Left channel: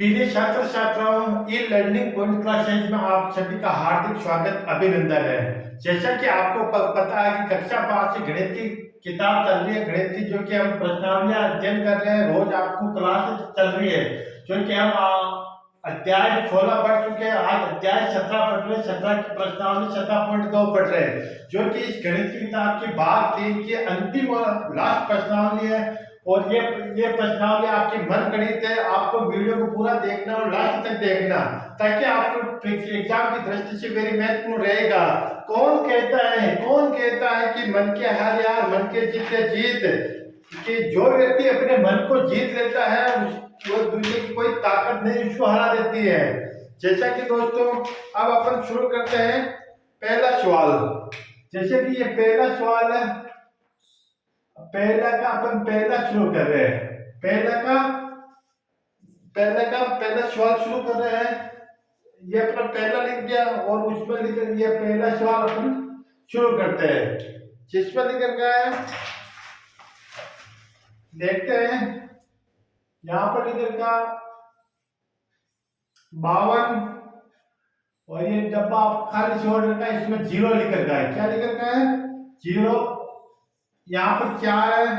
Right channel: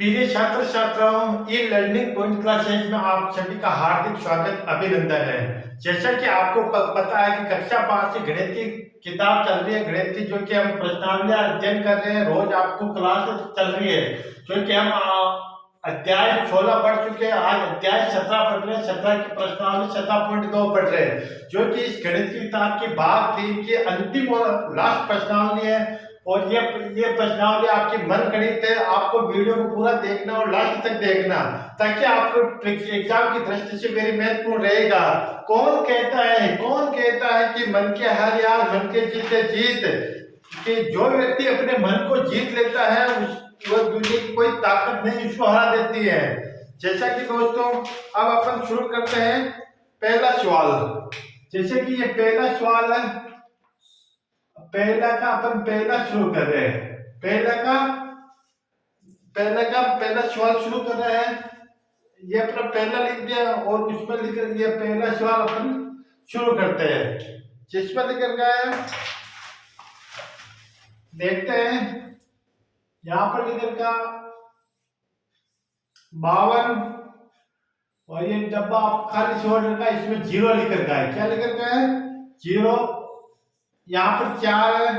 प्रिय छात्र छात्राओं, ई लर्निंग पॉइंट क्लासेज में आप सभी का हार्दिक स्वागत अभिनंदन है। जैसा कि आपको पता है कि कक्षा 5 की गणित की किताब चल रही है। गणित की जो कि हम प्रश्नावलियां अध्ययन कर रहे हैं, रोज आपको क्लास चल रही है। जो कि हम अध्याय 16 पढ़ चुके हैं, आज अध्याय 17 पढ़ रहे हैं। 17 की प्रश्नावली 17.2 पढ़ रहे हैं, जो कि इस गणित की किताब की भाग 3 की अंतिम और लास्ट प्रश्नावली है। और ये प्रश्नावली आपकी मन गणित है। आपको वीडियो को पूरा देखना और लास्ट तक देखना, ताकि आपको एग्जाम की दृष्टि से वेरी महत्वपूर्ण रहेगा। कौन कहता है कि मन के हार यार मन के जीते जीत, कि जो व्यक्ति अपने मन को जीत लेता है वो दुनिया की कोई ताकत नहीं उसको हरा देती है। जैसा कि दोस्तों, अब अपन शुरू करते हैं पहला सवाल। जैसे कि ये पहला सवाल है, पहला शुरू कर रहे हैं। पहला सवाल शुरू कर रहे हैं। ये अपना पहला लिख दिया और उसमें लिख ये पहला सवाल अपन शुरू करते हैं। जिसमें लिख रखा है, देखते हैं। यहाँ पर लिख रखा 52, और ये डब्बा आप खाली छोड़ रखा है, इसमें जीरो लिख रखा है। क्या लिख रखा है? जीरो। यहाँ पर 4 है,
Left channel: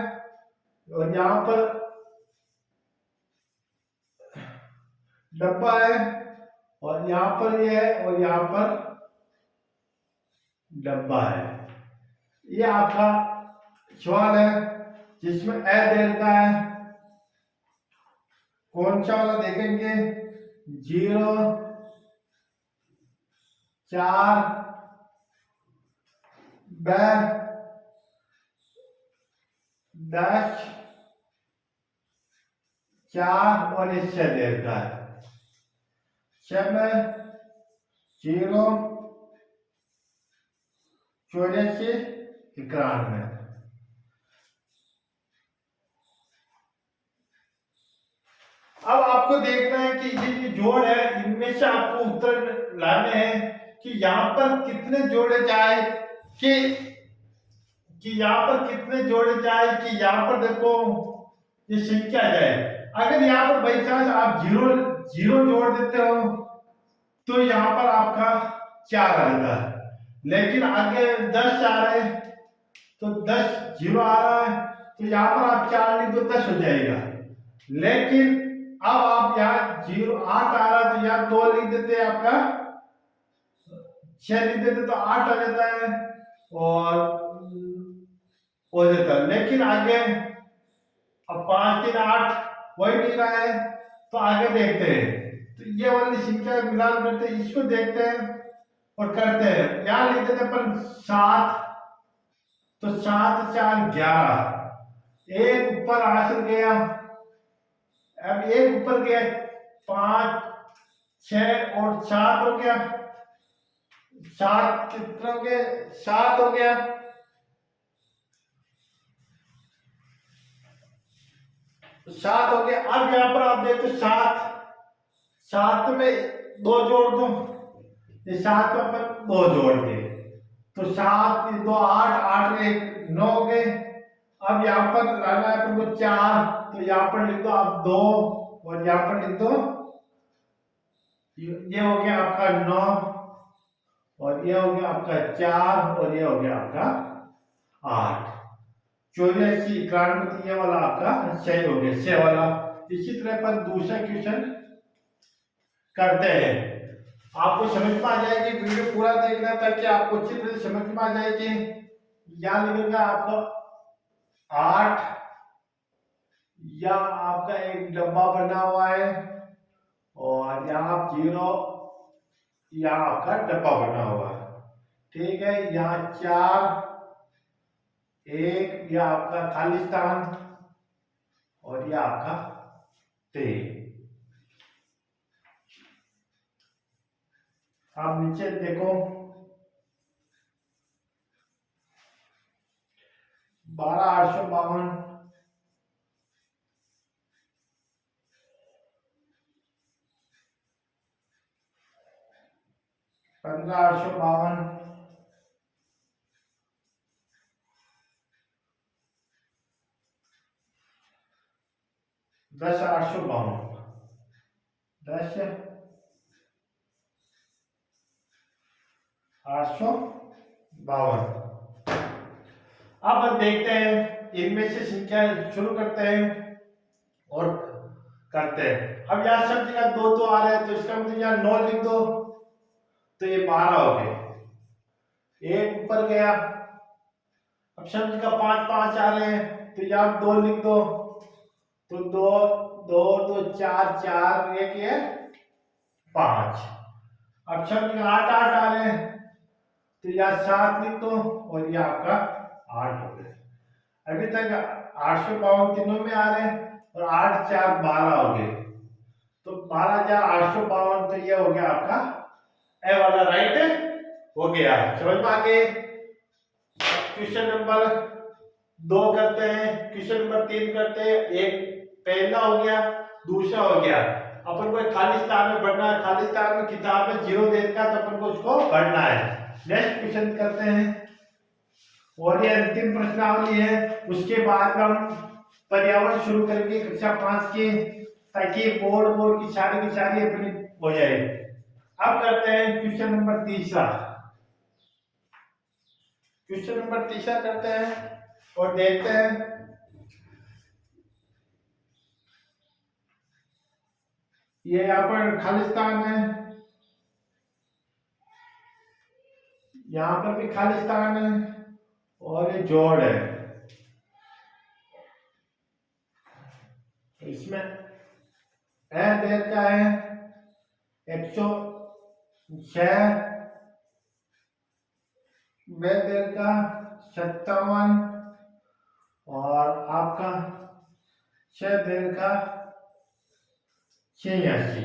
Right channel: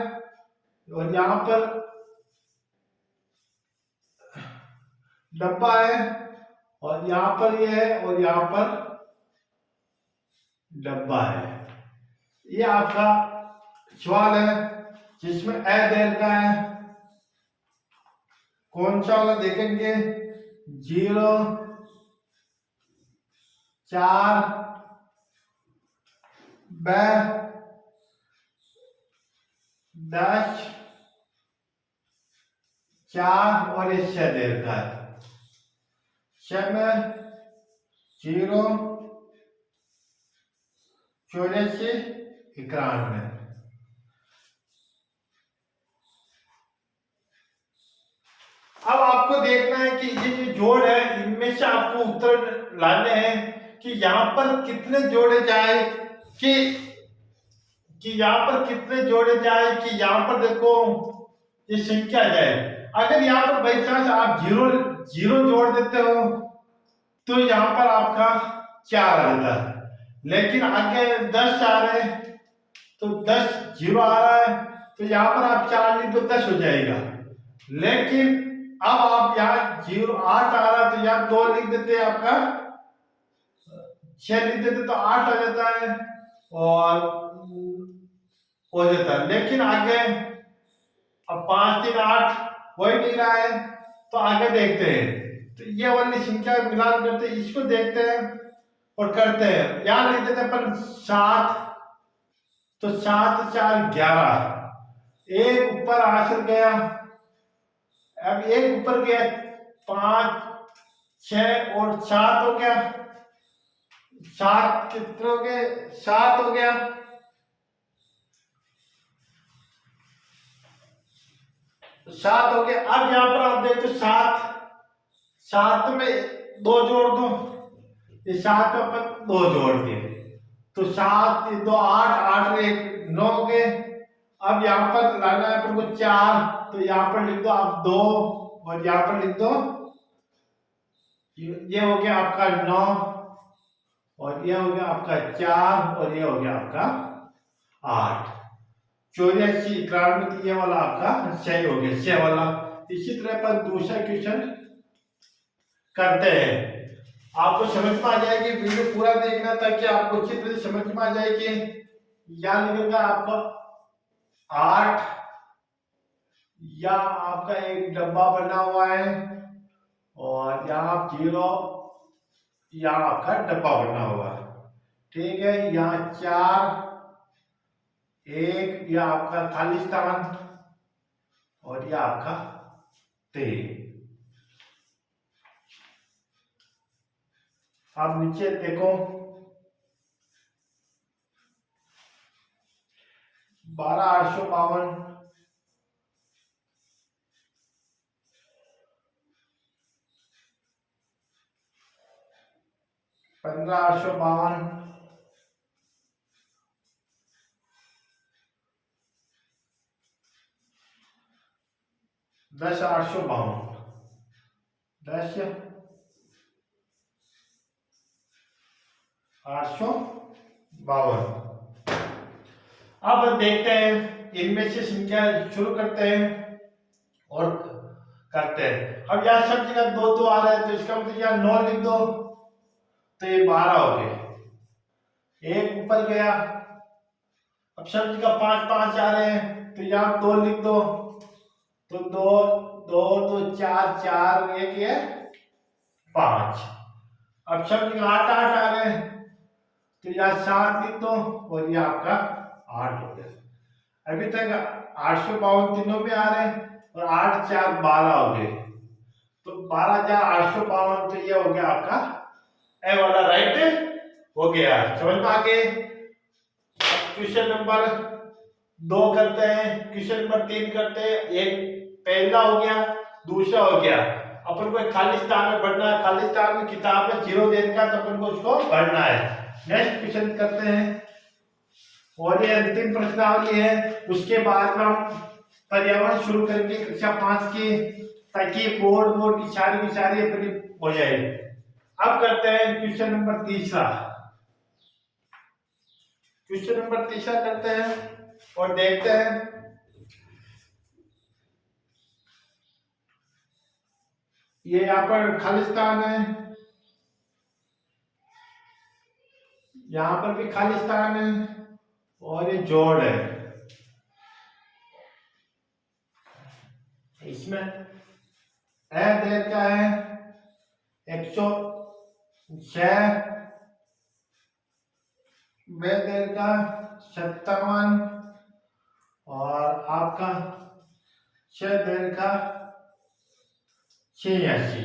और यहाँ पर डब्बा है, और यहाँ पर ये है, और यहाँ पर डब्बा है। ये आपका सवाल है, जिसमें ए दे रखा है। कौन सा वाला देखेंगे? 0, 4, ब, 10, 4 और ये 6 दे रखा है। 6 में 0, 84, 91। अब आपको देखना है कि ये जो जोड़ है, इनमें से आपको उत्तर लाने हैं कि यहाँ पर कितने जोड़े जाए, कि यहाँ पर कितने जोड़े जाए, कि यहाँ पर देखो ये संख्या जाए। अगर यहाँ पर बाई चांस आप जीरो जीरो जोड़ देते हो तो यहाँ पर आपका 4 आ जाता है। लेकिन आगे 10 आ रहे हैं तो 10 जीरो आ रहा है, तो यहाँ पर आप 4 लिख दो 10 हो जाएगा। लेकिन अब आप यहाँ 8 आ रहा है, तो यहाँ 2 लिख देते हैं, आपका 6 लिख देते तो 8 हो जाता है, और हो जाता है। लेकिन आगे अब 5 3 8 वही नहीं रहा है, तो आगे देखते हैं। तो ये वाली संख्या मिलान करते हैं, इसको देखते हैं और करते हैं। यहाँ लिख देते हैं अपन 7, तो 7 4 11, एक ऊपर आंसर गया। अब एक ऊपर गया, 5 6 और 7 हो गया। 7 कितना हो गया? 7 हो गया। 7 हो गया। अब यहाँ पर आप देखो 7, 7 में 2 जोड़ दो, ये 7 में अपन 2 जोड़ के, तो 7 2 8, 8 1 9 हो गए। अब यहाँ पर लाना है अपन को 4, तो यहाँ पर लिख दो आप 2, और यहाँ पर लिख दो, ये हो गया आपका 9, और ये हो गया आपका 4, और ये हो गया आपका 8। 84 91, तो ये वाला आपका सही हो गया, सही वाला। इसी तरह पर दूसरा क्वेश्चन करते हैं। आपको समझ में आ जाएगी, वीडियो पूरा देखना, ताकि आपको अच्छी तरह से समझ में आ जाए कि यहाँ लिखेगा आपको 8, या आपका एक डब्बा बना हुआ है, और यहाँ 0, यहाँ आपका डब्बा बना हुआ है। ठीक है, यहाँ 4 1, यह आपका खालिस्तान, और यह आपका 3। आप नीचे देखो, 12 852, 15 852, 10 852। 852। अब देखते हैं, इनमें से संख्या शुरू करते हैं और करते हैं। अब यहाँ सब जगह दो तो आ रहा है, तो इसका मतलब यहाँ 9 लिख दो, तो ये 12 हो गए, एक ऊपर गया। अब सब जगह 5 5 आ रहे हैं, तो यहाँ 2 लिख दो, तो 2 2 तो 4 4 एक है 5। अब सब जगह 8 8 आ रहे हैं, तो यहाँ 7 लिख दो और ये आपका 8 हो गया। अभी तक 852 तीनों में आ रहे हैं और 8 4 12 हो गए, तो 12,852, तो ये हो गया आपका ए वाला राइट हो गया। समझ में आ गए। क्वेश्चन नंबर 2 करते हैं, क्वेश्चन नंबर 3 करते हैं। एक पहला हो गया, दूसरा हो गया। अपन को खालिस्तान में भरना है, खालिस्तान में किताब में 0 दे रखा है, तो अपन को उसको भरना है। नेक्स्ट क्वेश्चन करते हैं, और ये अंतिम प्रश्नावली है, उसके बाद में हम पर्यावरण शुरू करेंगे कक्षा 5 की, ताकि बोर्ड की सारी अपनी हो जाए। अब करते हैं क्वेश्चन नंबर तीसरा। क्वेश्चन नंबर तीसरा करते हैं और देखते हैं। ये यहाँ पर खालिस्तान है, यहाँ पर भी खालिस्तान है, और ये जोड़ है। इसमें ए देर का है 106, बे देर का 57, और आपका 6 देर का 86।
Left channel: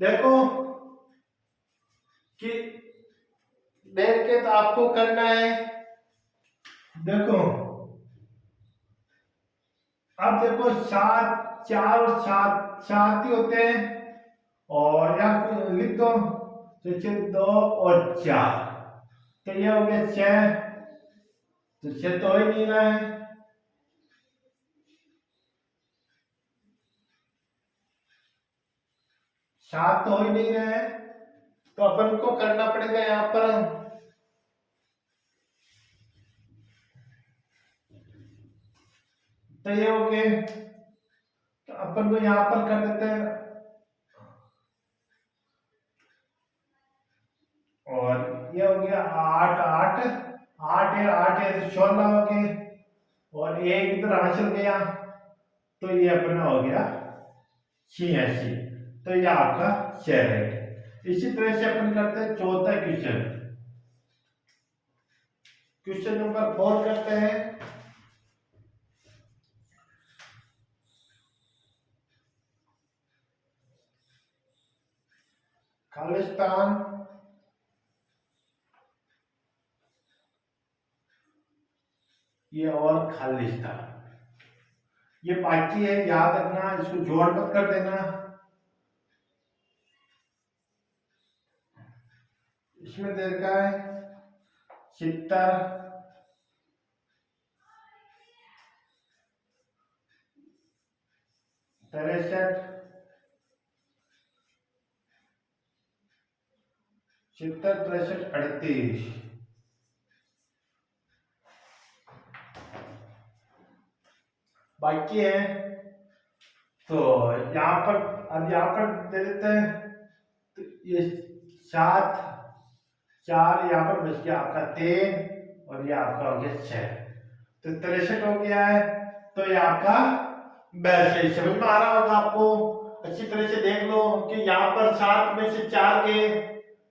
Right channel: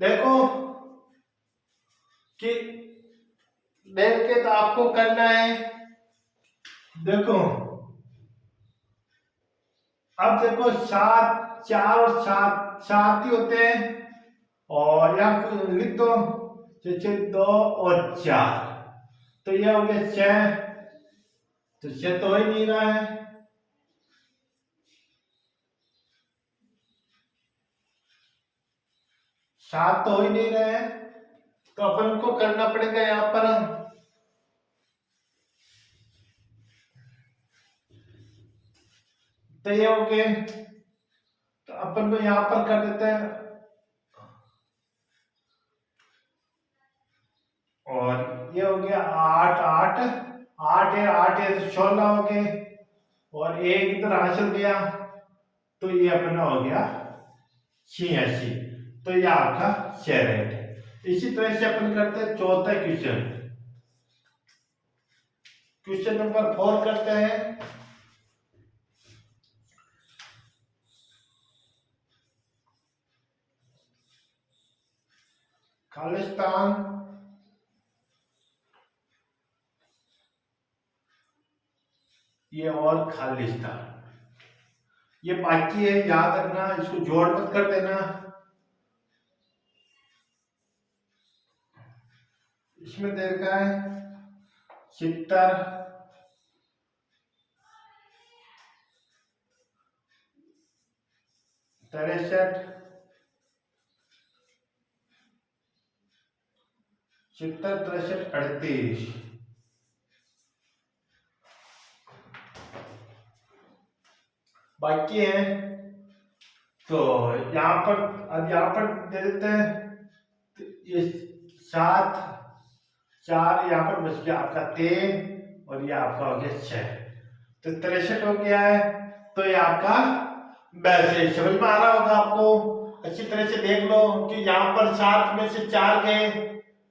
देखो कि देख के तो आपको करना है। देखो अब देखो 7 4 और 7 7 ही होते हैं, और यहाँ को लिख दो, जैसे 2 और 4, तो ये हो गया 6, तो 6 तो हो ही नहीं रहा है। 7 तो हो ही नहीं रहे हैं, तो अपन को करना पड़ेगा यहाँ पर, तो ये हो गए, तो अपन को यहाँ पर कर देते हैं, और ये हो गया 8 8 8 है 8 है, तो 16 हो गए, और एक इधर हासिल गया, तो ये अपना हो गया 86, तो ये आपका शेयर रेट है। इसी तरह से अपन करते हैं चौथा क्वेश्चन। क्वेश्चन नंबर 4 करते हैं। खालिस्तान ये और खालिस्तान ये बाकी है, याद रखना, इसको जोड़ मत कर देना। इसमें दे रखा है 70, 63, 70 63 38। बाकी है, तो यहाँ पर अब यहाँ पर दे देते हैं, तो ये 7 4 यहाँ पर बच गया आपका 3, और ये आपका हो गया 6, तो 63 हो गया है। तो ये आपका बैलेंस समझ में आ रहा होगा आपको। अच्छी तरह से देख लो कि यहाँ पर 7 में से 4 गए,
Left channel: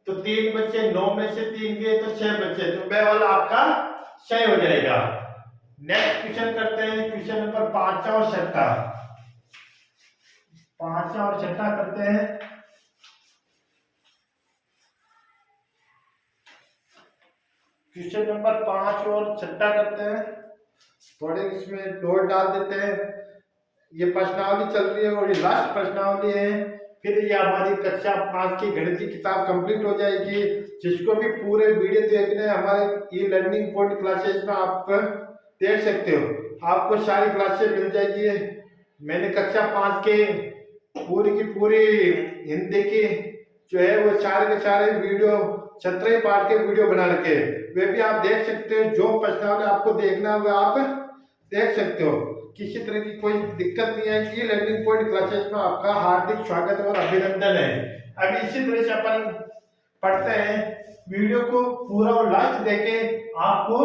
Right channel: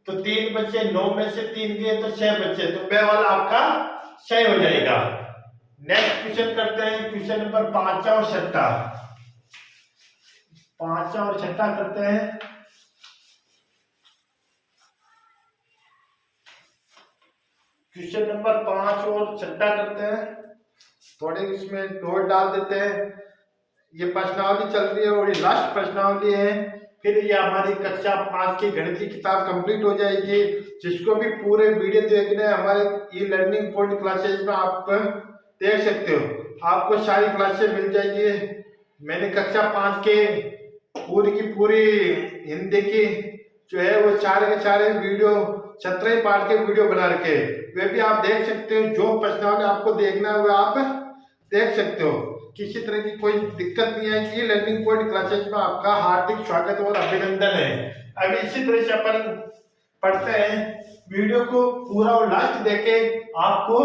तो 3 बचे, 9 में से 3 गए, तो 6 बचे, तो बे वाला आपका 6 हो जाएगा। नेक्स्ट क्वेश्चन करते हैं, क्वेश्चन नंबर 5 और 6, 5 और 6 करते हैं। क्वेश्चन नंबर 5 और 6 करते हैं, थोड़े इसमें नोट डाल देते हैं। ये प्रश्नावली चल रही है और ये लास्ट प्रश्नावली है, फिर ये हमारी कक्षा 5 की गणित की किताब कंप्लीट हो जाएगी। जिसको भी पूरे वीडियो देखने हमारे ई लर्निंग पॉइंट क्लासेज में आप देख सकते हो, आपको सारी क्लासेस मिल जाएगी। मैंने कक्षा 5 के पूरी की पूरी हिंदी की जो है वो सारे के सारे वीडियो 17 पार्ट के वीडियो बना रखे, वे भी आप देख सकते हो। जो प्रश्नावली आपको देखना है वो आप देख सकते हो। किसी तरह की कोई दिक्कत नहीं आएगी। लर्निंग पॉइंट क्लासेस में आपका हार्दिक स्वागत और अभिनंदन है। अभी इसी तरह से अपन पढ़ते हैं। वीडियो को पूरा और लास्ट देखे आपको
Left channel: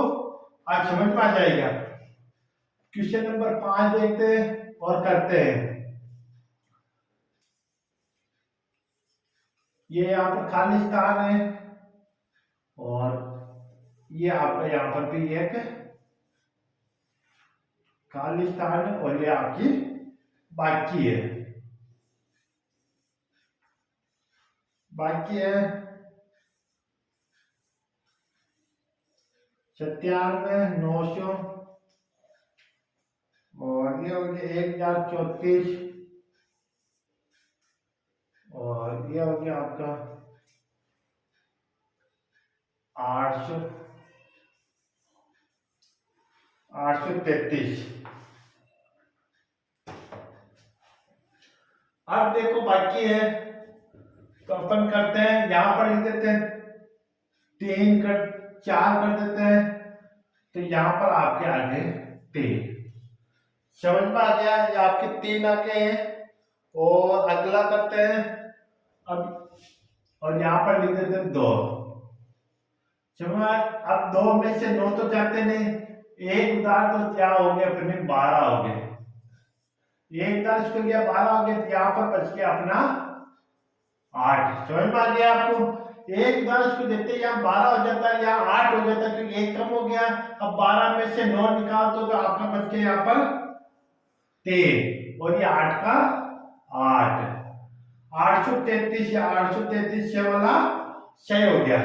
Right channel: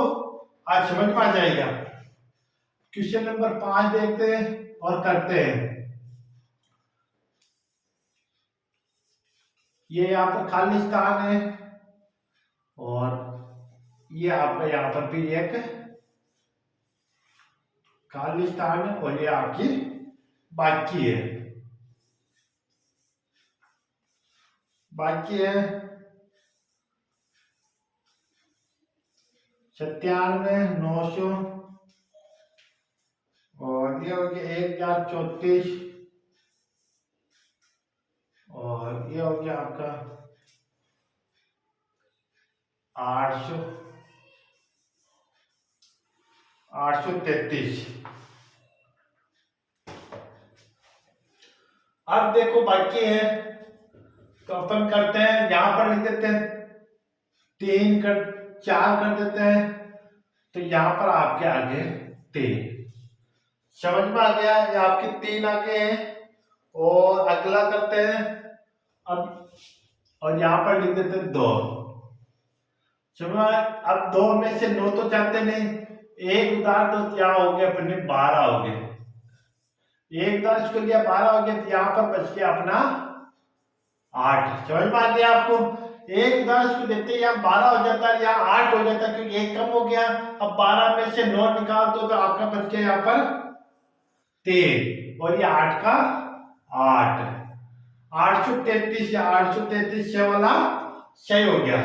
आज समझ में आ जाएगा। क्वेश्चन नंबर 5 देखते हैं और करते हैं। ये यहाँ पर खाली स्थान है और ये आपका यहाँ पर भी एक खाली स्थान है और ये आपकी बाकी है। बाकी है 97,900 और ये हो गया 1034 और ये हो गया आपका 833। अब देखो बाकी है तो अपन करते हैं, यहां पर लिख देते हैं 3 कर 4 कर देते हैं तो यहां पर आपके आगे 3 समझ में आ गया। ये आपके 3 आगे हैं और अगला करते हैं अब और यहां पर लिख देते हैं 2। समझ अब 2 में से 9 तो जाते नहीं, एक उतार तो क्या हो गया अपने 12 हो गए। एक उतार इसको लिया 12 हो गया तो यहाँ पर बच गया अपना 8। समझ में आ गया आपको। एक उदाहरण इसको देखते हैं, यहाँ 12 हो जाता है, यहाँ 8 हो जाता है क्योंकि एक कम हो गया। अब 12 में से 9 निकाल दो तो आपका बच गया यहाँ पर 3 और ये 8 का 8 833 या 833 से वाला सही हो गया।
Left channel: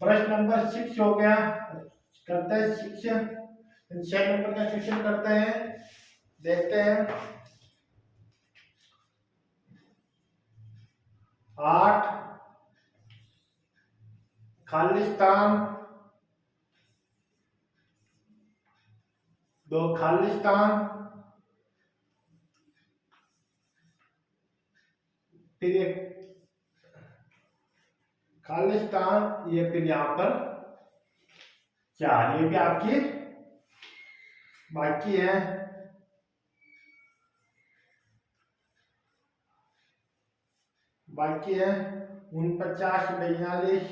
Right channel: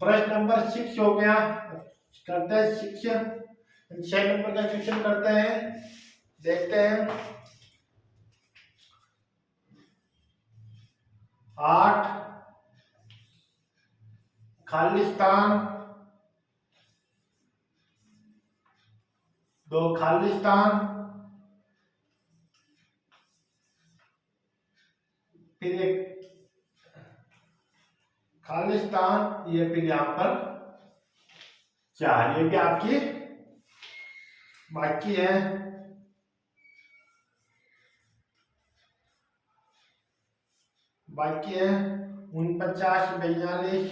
प्रश्न नंबर 6 हो गया। करते हैं 6 नंबर का क्वेश्चन करते हैं, देखते हैं। 8 खाली स्थान 2 खाली स्थान फिर एक खाली स्थान, ये फिर यहां पर 4। ये भी आपकी बाकी है। बाकी है 49 42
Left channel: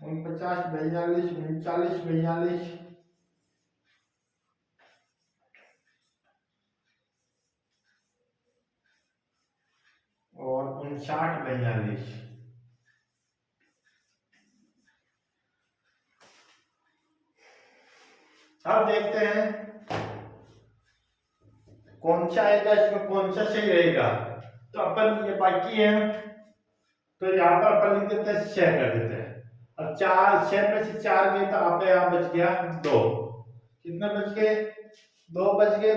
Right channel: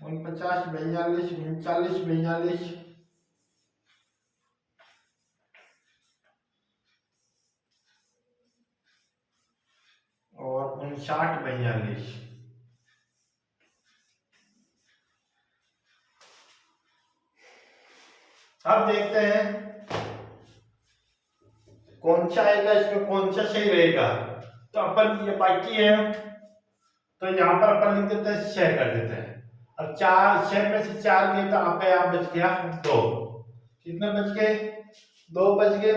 49 42 39 42 और 59 42। अब देखते हैं कौन सा आएगा, इसमें कौन सा सही रहेगा। तो अपन ये बाकी है तो यहाँ पर अपन लिख देते हैं 6 कर देते हैं। अब 6 में से 4 गए तो आपका यहाँ बच गया 2। कितने बच गए 2 बच गए,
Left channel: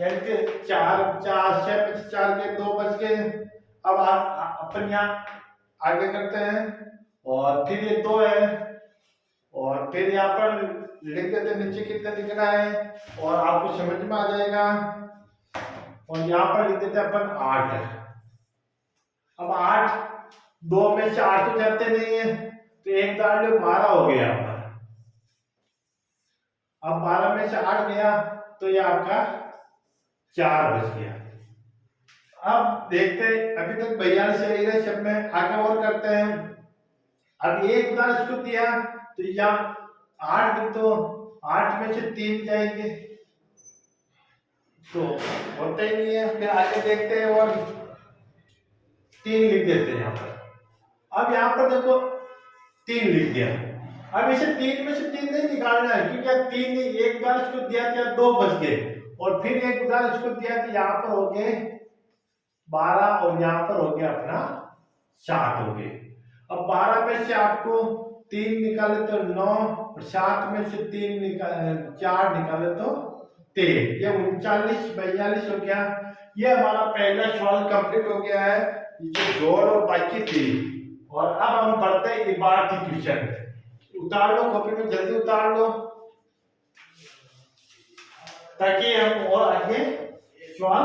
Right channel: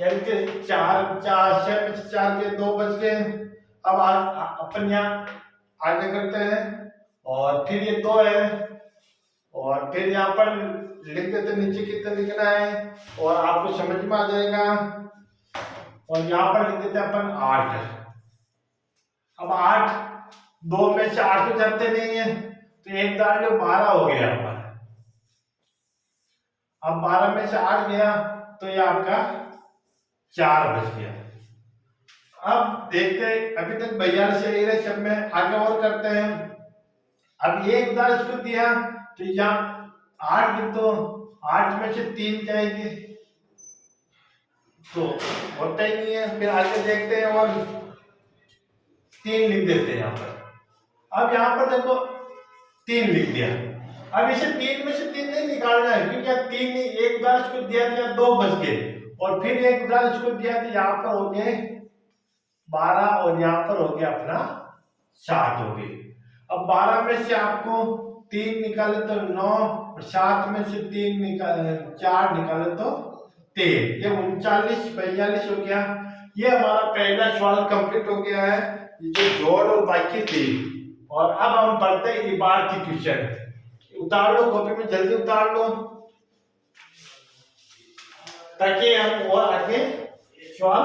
यानी कि 6 में से 4 गए 2 बच गए। अब अपन यहाँ आगे करते हैं और फिर ये 2 है और फिर यहाँ पर लिख देते नीचे कितना लिखना है और आपको समझ में आ जाएगा। और यहाँ पर लिख देते हैं अपन 8। अब 8 2 में से 8 तो जाते नहीं है तो एक दार जो 12 हो गया यहाँ पर। अब 12 में से 8 गया तो ये आपका 4 बच गया। अब देखते हैं, अभी तक 42 सही रहे सब में, आगे और करते हैं। अब एक दार इसको दिया तो यहाँ 8 लिख दो, 8 में से 3 जाएंगे तो होता ही नहीं है। फिर आगे देखते हैं और 3 लिख देते हैं यहाँ पर। अब यहाँ पर देखो 3 लिख दिया। अब इसे 3 में से 3 नहीं निकालना है क्योंकि यहाँ 3 नहीं, एक बार इसको दिया था 2 बच गए और फिर एक बार इसको दिया तो यहाँ पर हो गए 12 और यहाँ पर हो गया अपना 7 हो गए। अब 12 में से आपको 3 निकाले तो 9 और 7 में से 4 निकाले तो 13, ये 39 42 हो गया। ये हमारा पहला सवाल कंप्लीट हो गया है। ये जो जोड़ और बाकी थी और अब हम पढ़ते हैं इबार की क्वेश्चन। उतार लो कॉपी में, जल्दी उतार लो ताकि हम और आगे सवाल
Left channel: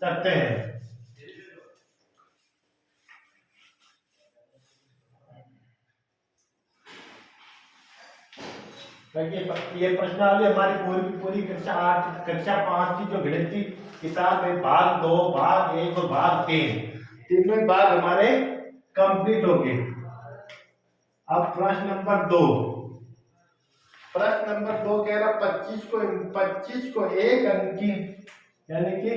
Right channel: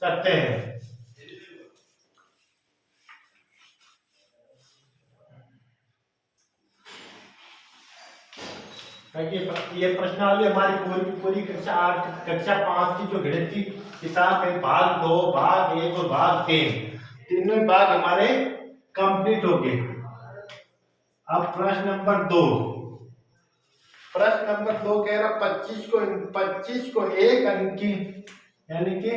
करते हैं। ये प्रश्नावली हमारी पूरी कक्षा 8 कक्षा 5 की जो गणित की किताब है, भाग 2 भाग 1 और भाग 3, तीनों भाग हमारे कंप्लीट हो गए। अब प्रश्न नंबर 2, प्रश्न नंबर 2 कह रहा 25 को एक अंक की, यानी कि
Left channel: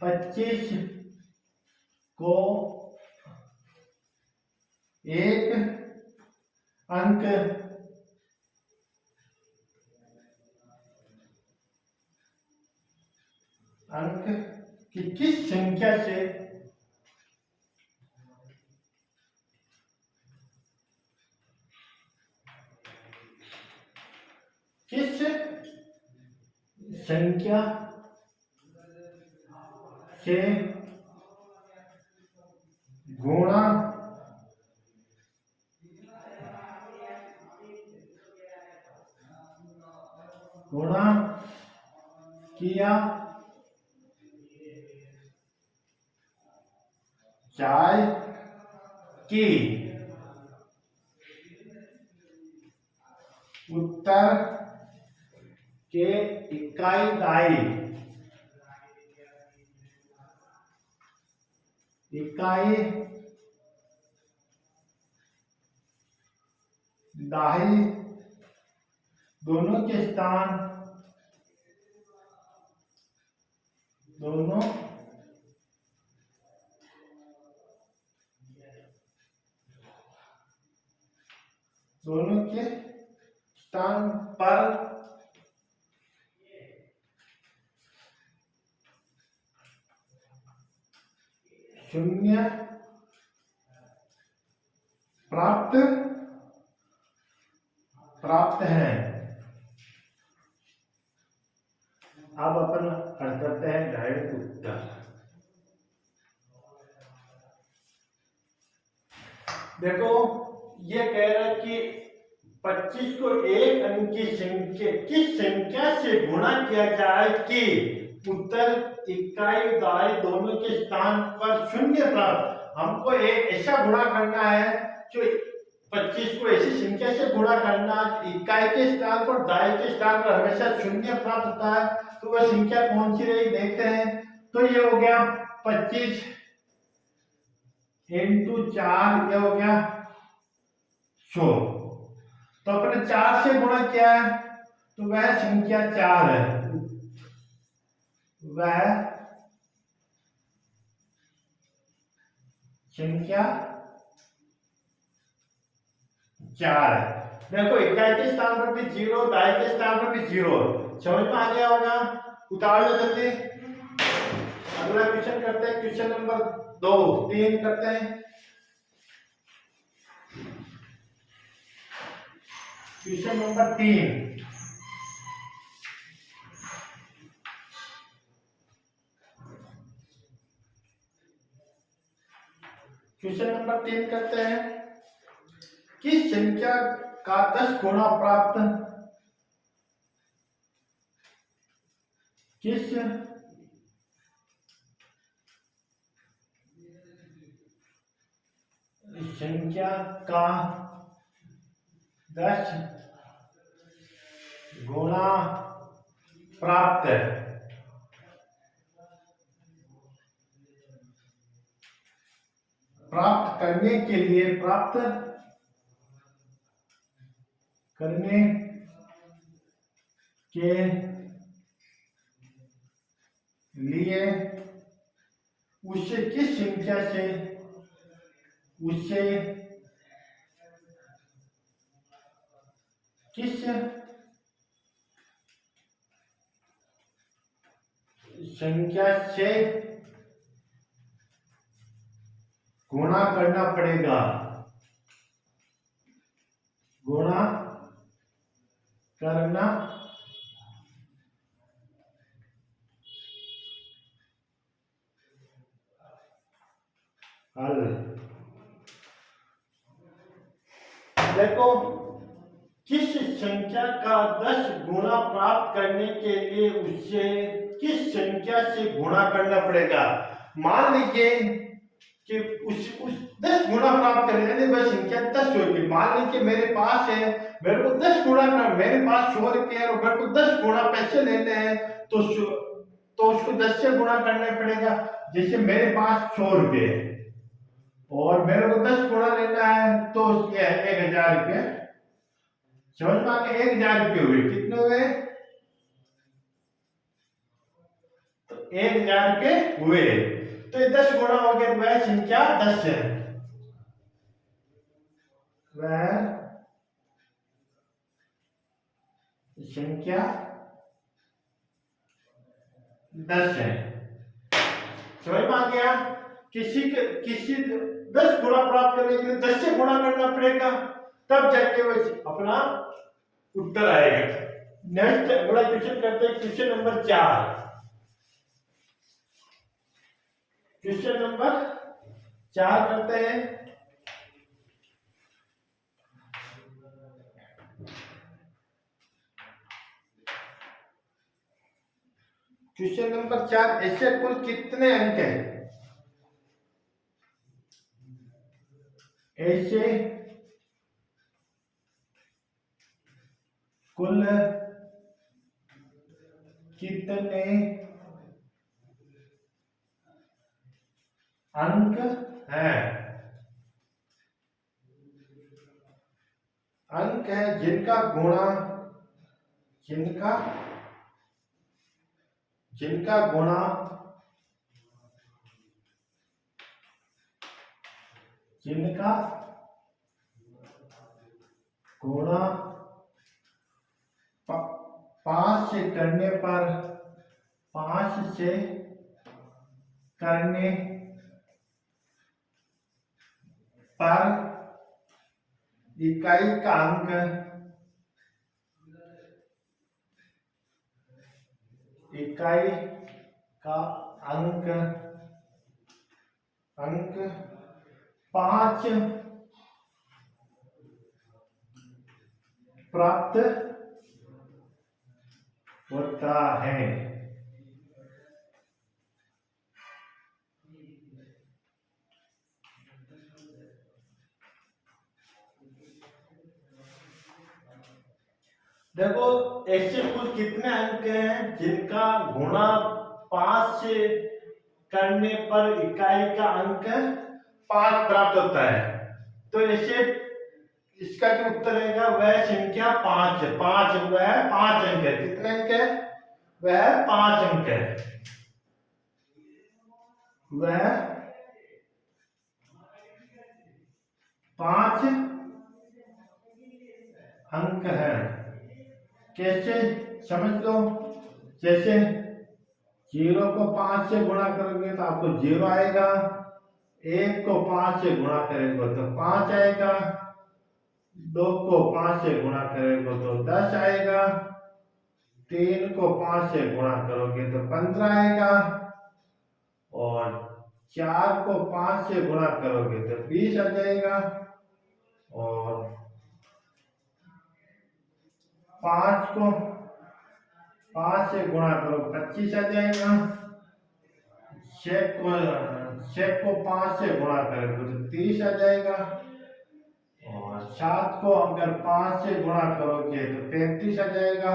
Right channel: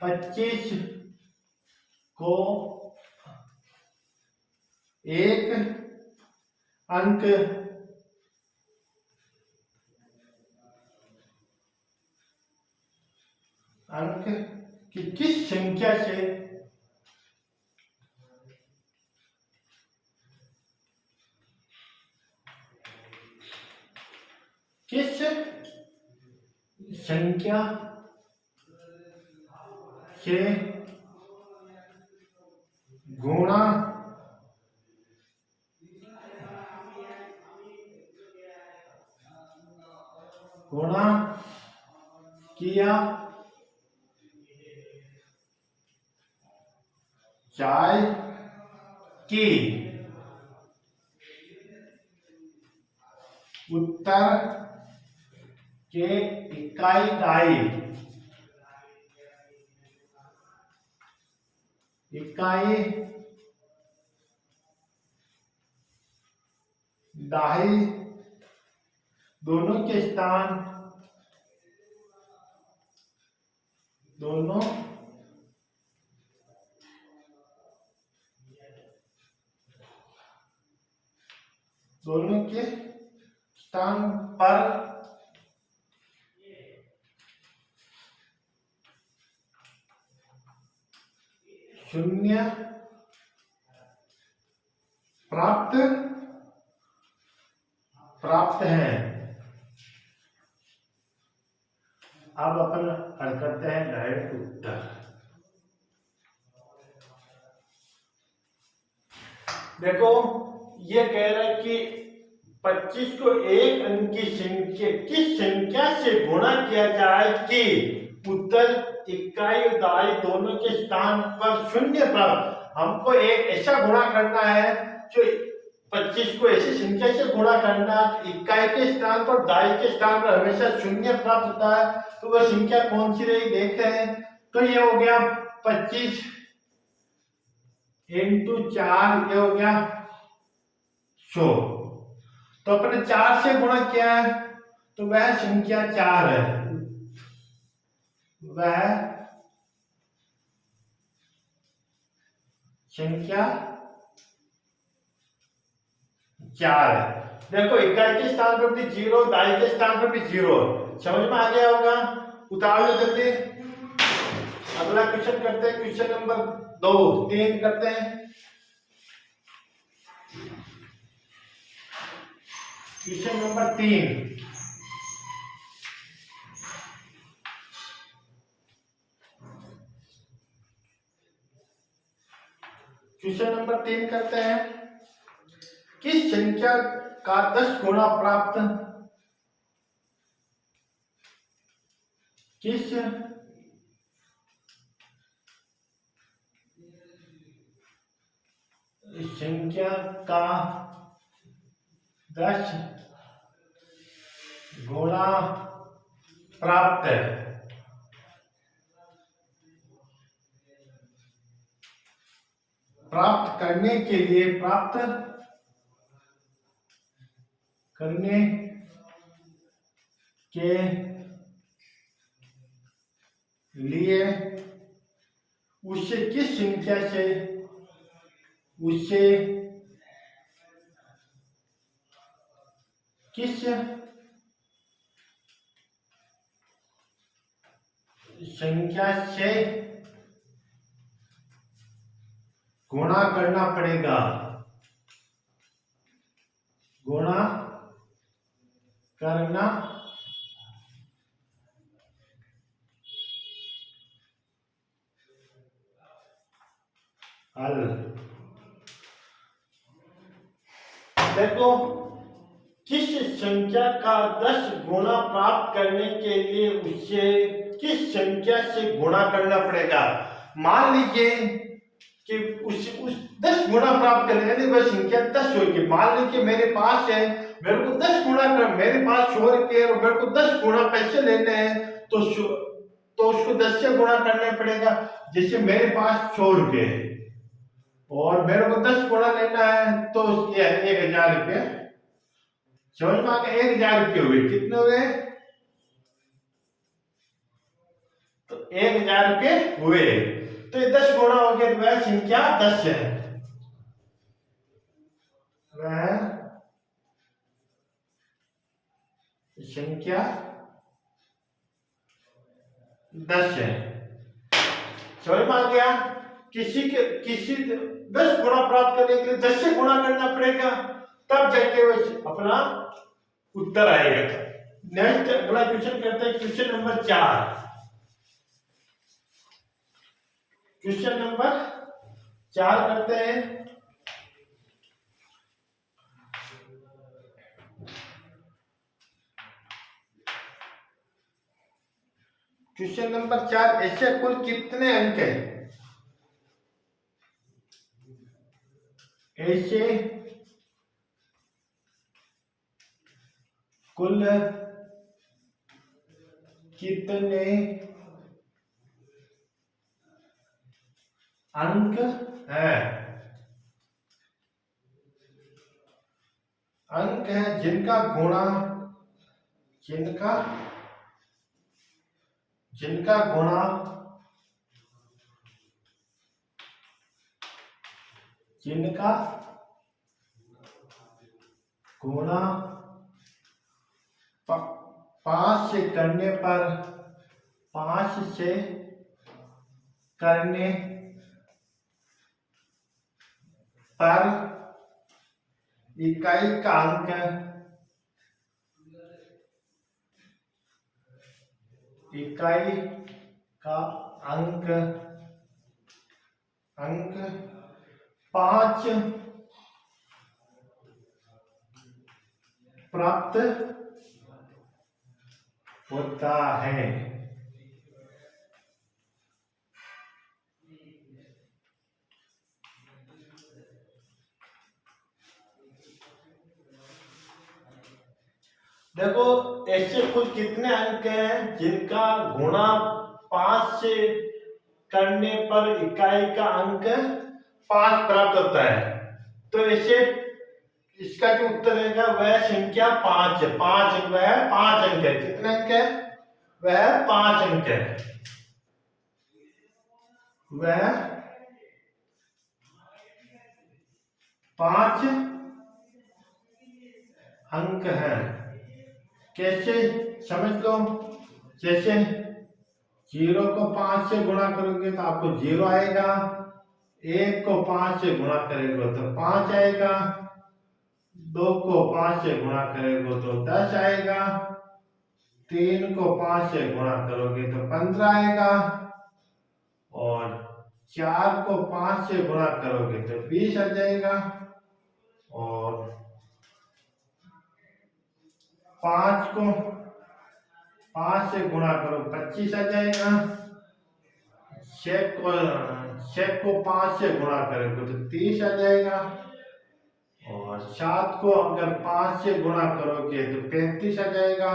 25 को एक अंक की किस संख्या से गुणा किया जाए कि उत्तर के इकाई दाई दोनों के स्थान दोनों के स्थान पर शून्य प्राप्त है। अब अपन हल करते हैं डायरेक्ट उत्तर। देखो ये कह रहा है कि 25 को एक अंक की संख्या किस संख्या से गुणा किया जाए कि उत्तर इकाई दाई दोनों के स्थान पर शून्य प्राप्त। हमको एक ऐसा गुणा करना है जो 25 को ऐसी संख्या से गुणा करना इकाई के स्थान पर दाई के स्थान पर हमेशा शून्य प्राप्त होता है, तो वह संख्या कौन सी रही देखते हैं। तो ये हो गया 25 इंटू 4, ये हो गया 100। तो अपने 4 से गुणा किया है तो वह संख्या 4 है, वह संख्या 4 है। देखो इकाई के स्थान पर भी 0, दाई के स्थान पर भी 0, समझ में आ गया होगा। उतार लो जल्दी। अगला क्वेश्चन करते हैं, क्वेश्चन नंबर 3 करते हैं। क्वेश्चन नंबर 3, क्वेश्चन नंबर 3 करते हैं। किस संख्या का 10 गुना प्राप्त किस संख्या का 10 गुना प्राप्त करने के लिए उसे किस संख्या से किस संख्या से गुणा करना पड़ेगा, गुणा करना हल। देखो, किस संख्या का 10 गुना प्राप्त करने के लिए उसे किस संख्या से गुणा करना पड़ेगा। मान लीजिए कि उस 10 गुना प्राप्त करने, यानी वह संख्या 10 होगी। मान लीजिए मेरे पास है, मेरे को 10 गुना कर, मेरे पास 100 रुपये और मेरे को 10 गुना पैसे लेने हैं, तो उसको 10 से गुणा करना पड़ेगा। जैसे मेरे पास 100 रुपये है और मेरे को 10 गुना लेना है, तो ये 1000 रुपये। समझ में आ गया? 1000 रुपये हुए, कितने हुए? तो 1000 रुपये हुए, तो ये 10 गुना हो गया, तो वह संख्या 10 है। वह संख्या 10 है। समझ में आ गया? किसी 10 गुना प्राप्त करने के लिए 10 से गुणा करना पड़ेगा, तब जाके वो अपना उत्तर आएगा। नेक्स्ट अगला क्वेश्चन करते हैं, क्वेश्चन नंबर 4। क्वेश्चन नंबर 4 करते हैं। क्वेश्चन नंबर 4, ऐसे कुल कितने अंक हैं? ऐसे कुल कितने अंक है? अंक है जिनका गुणा जिनका गुणा गुणा 5 से करने पर 5 से करने पर इकाई का अंक अंक 5 प्राप्त होता है। देखो, ऐसे कुल कितने अंक हैं जिनका गुणा 5 से करने पर इकाई का अंक 5 प्राप्त होता है। तो ऐसे इसका जो उत्तर रहेगा वह संख्या 5 है। 5 वह 5 अंक है। कितने अंक है? वह 5 अंक है। वह 5 अंक है। कैसे समझ लो, जैसे 0 को 5 से गुणा करोगे तो आपको 0 आएगा, 1 को 5 से गुणा करेंगे तो 5 आएगा, 2 को 5 से गुणा करेंगे तो 10 आएगा, 3 को 5 से गुणा करोगे तो 15 आएगा, और 4 को 5 से गुणा करोगे तो 20 आ जाएगा, और 5 को 5 से गुणा करो 25 आ जाएगा, 6 को 5 से गुणा करोगे तो 30 आ जाएगा, और 7 को अगर 5 से गुणा करोगे तो 35 आ जाएगा,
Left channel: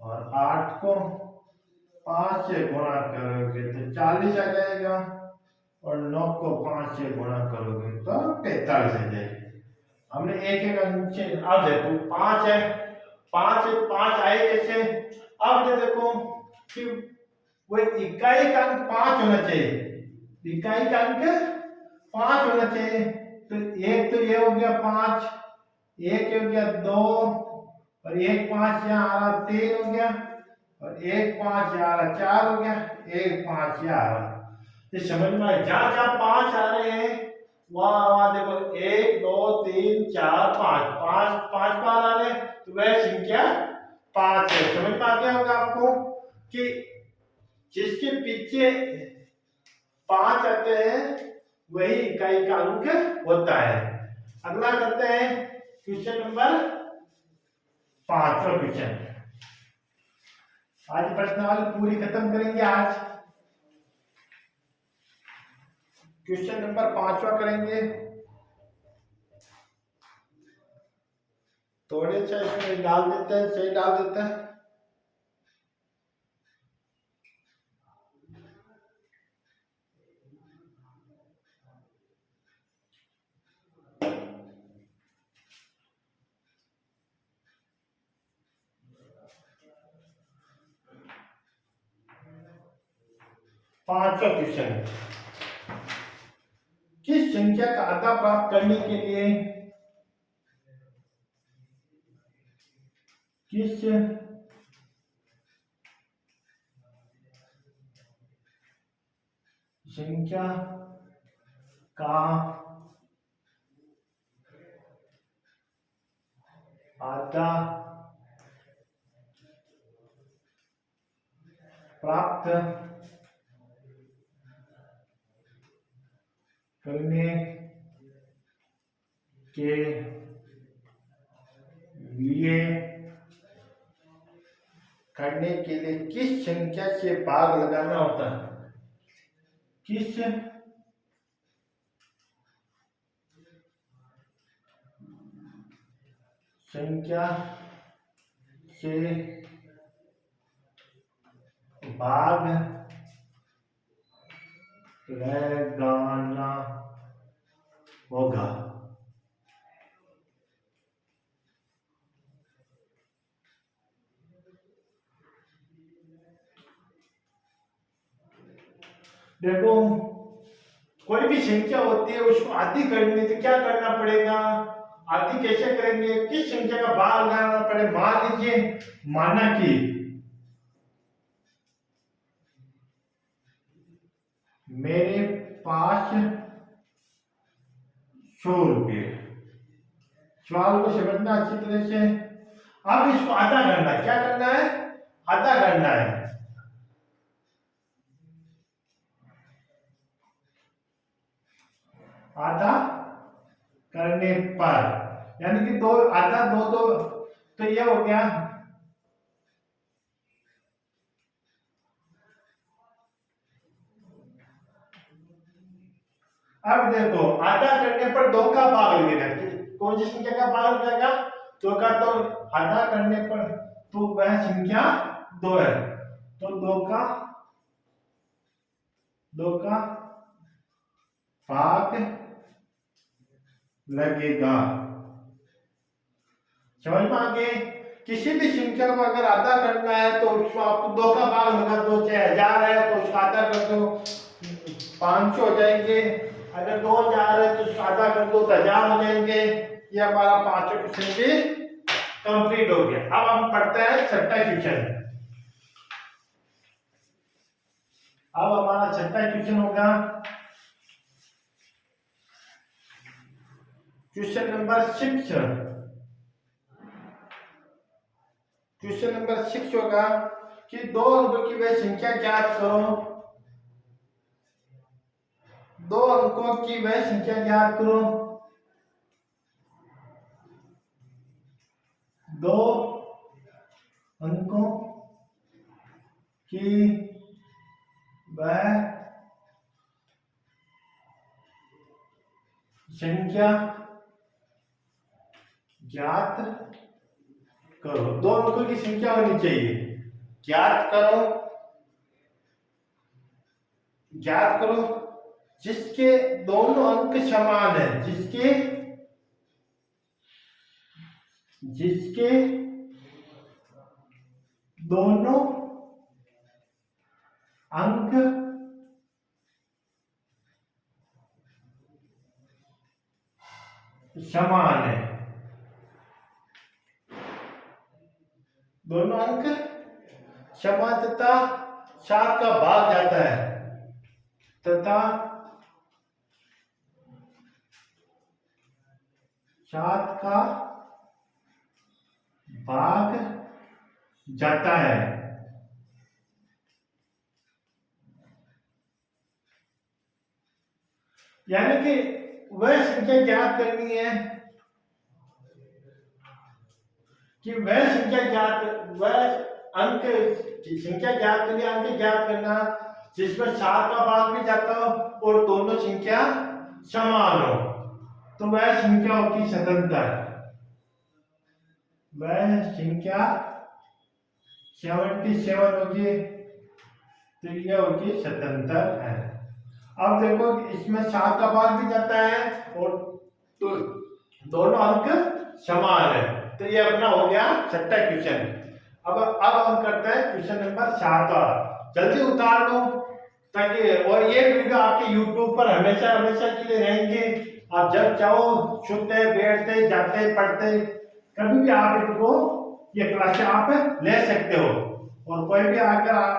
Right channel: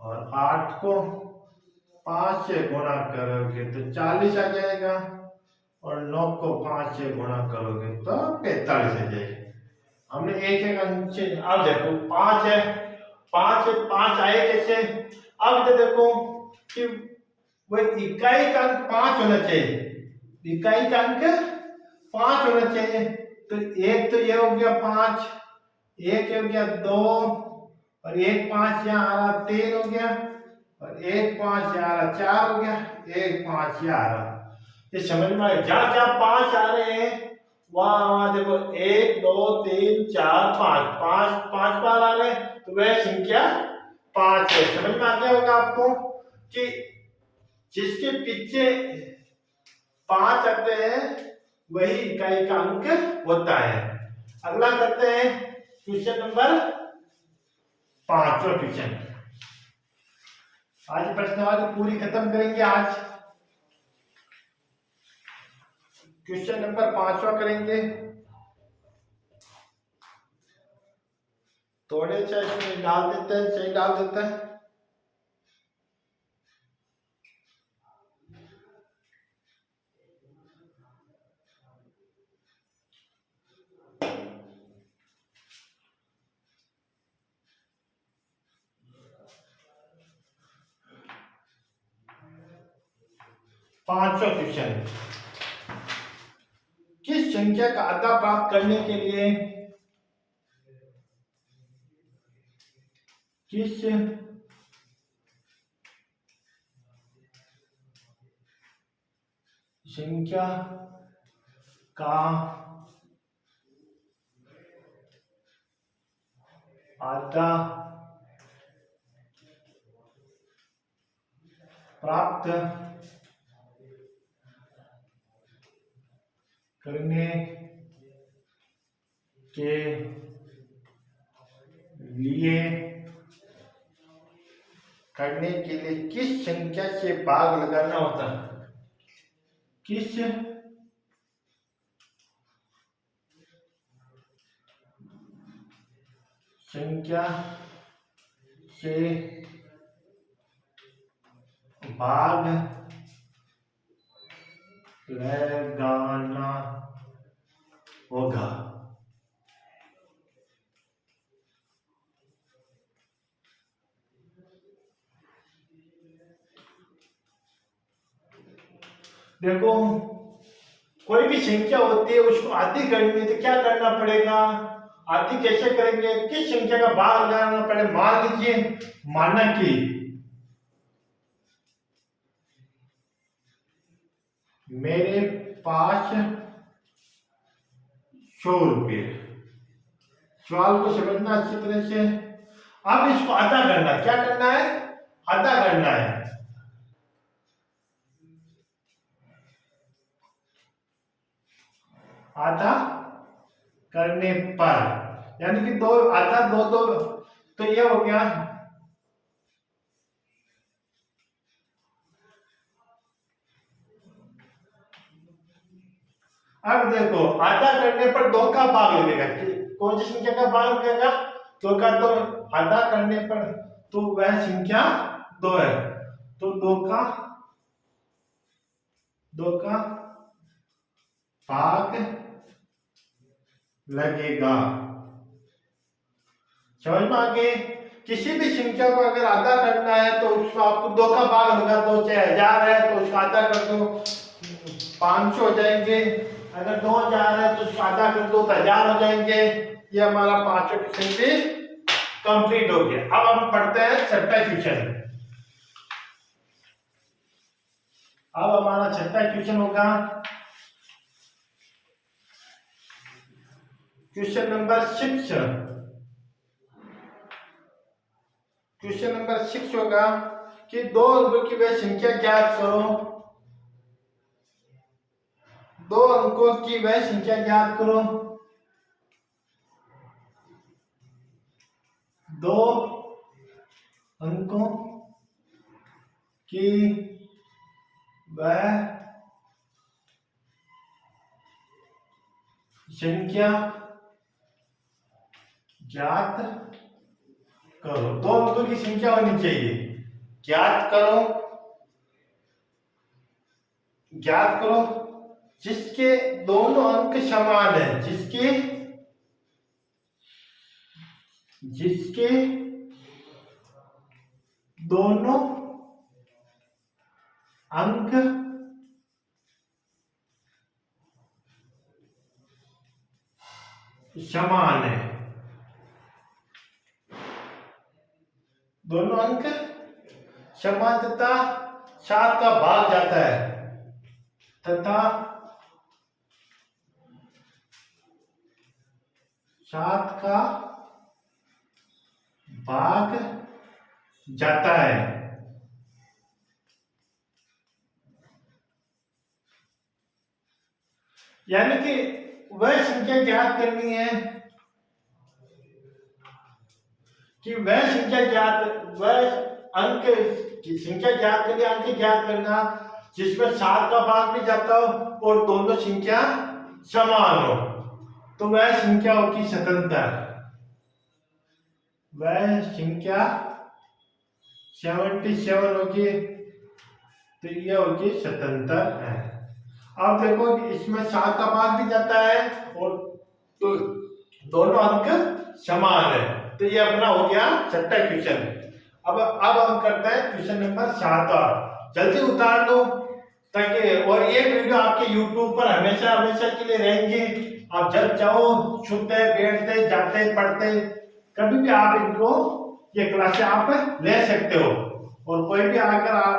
और 8 को 5 से गुणा करोगे तो 40 आ जाएगा, और 9 को 5 से गुणा करोगे तो 45 आ जाएगा। हमने एक एक अंक से, अब देखो 5 है, 5 आए कैसे? अब देखो कि वो इकाई का अंक 5 होना चाहिए। इकाई का अंक 5 होना चाहिए। तो एक तो ये हो गया 5, एक हो गया 2, और एक 5 यहाँ आ रहा 3 हो गया, और एक 5 यहाँ आ रहा 4 हो गया, एक 5 यहाँ आ रहा। ये समझ में आया? जहाँ जहाँ 5 आ रहे हैं वहां देखो 1 2 3 4 5 5 बार आ रहे हैं, तो वह संख्या 5 है। समझ में आ गया होगा आपको कि जिसके पीछे 5 आते हैं वही इकाई का अंक होता है। अगला करते हैं क्वेश्चन नंबर 5वां क्वेश्चन। आज प्रश्नावली पूरी खत्म करेंगे। आज क्वेश्चन नंबर 5वां करेंगे। थोड़े से इसमें डाल देते हैं, सही डाल देते हैं। पांचवा क्वेश्चन, किस संख्या का आधा प्राप्त करने के लिए किस संख्या का आधा प्राप्त करने के लिए किस संख्या से भाग लगाना होता है? किस संख्या से भाग लगाना होगा? देखो, कोई भी संख्या होती है उसको आधी करनी है तो क्या करना पड़ेगा? आधी कैसे करेंगे? किस संख्या का भाग लगाना पड़े? मान लीजिए, माना कि मेरे पास 100 रुपये। सवाल को समझना अच्छी तरह से। अब इसको आधा करना है। क्या करना है? आधा करना है। आधा करने पर यानी कि दो आधा दो दो, तो ये हो गया। अब देखो, आधा करने पर 2 का भाग लगेगा। कौन सी संख्या का भाग लगेगा? 2 का। तो आधा करने पर तो वह संख्या 2 है, तो 2 का भाग लगेगा। समझ में आ गए? किसी भी संख्या को अगर आधा करना है तो उसमें आपको 2 का भाग लगा दो। चाहे 1000 है तो उसका आधा कर दो, 500 हो जाएंगे। अगर 2000 है तो उसका आधा कर दो तो 1000 हो जाएंगे। ये हमारा 5वां क्वेश्चन भी कंप्लीट हो गया। अब हम पढ़ते हैं 6वां क्वेश्चन। अब हमारा 6वां क्वेश्चन होगा क्वेश्चन नंबर 6। क्वेश्चन नंबर 6 होगा कि 2 अंकों की वह संख्या ज्ञात करो। 2 अंकों की वह संख्या ज्ञात करो। 2 अंकों की वह संख्या ज्ञात करो। 2 अंकों की संख्या होनी चाहिए। ज्ञात करो जिसके दोनों अंक समान है। जिसके दोनों अंक समान है। दोनों अंक समान तथा 7 का भाग जाता है। तथा 7 का भाग जाता है। यानी कि वह संख्या ज्ञात करनी है कि वह संख्या ज्ञात, वह अंक संख्या ज्ञात करनी, अंक ज्ञात करना जिसमें 7 का भाग भी जाता हो और दोनों संख्या समान हो, तो वह संख्या होगी स्वतंत्र। वह संख्या 77 होगी, तो ये होगी स्वतंत्र है। अब देखो इसमें 7 का भाग भी जाता है और तो दोनों अंक समान है, तो ये अपना हो गया छठा क्वेश्चन। अब हम करते हैं क्वेश्चन नंबर 7। जल्दी उतार लो ताकि, और ये वीडियो आपके YouTube पर हमेशा हमेशा के लिए रहेंगे। आप जब चाहो सुनते बैठते जाते पढ़ते कभी भी आप इनको ये क्लासें आप ले सकते हो, और कोई भी आकर आप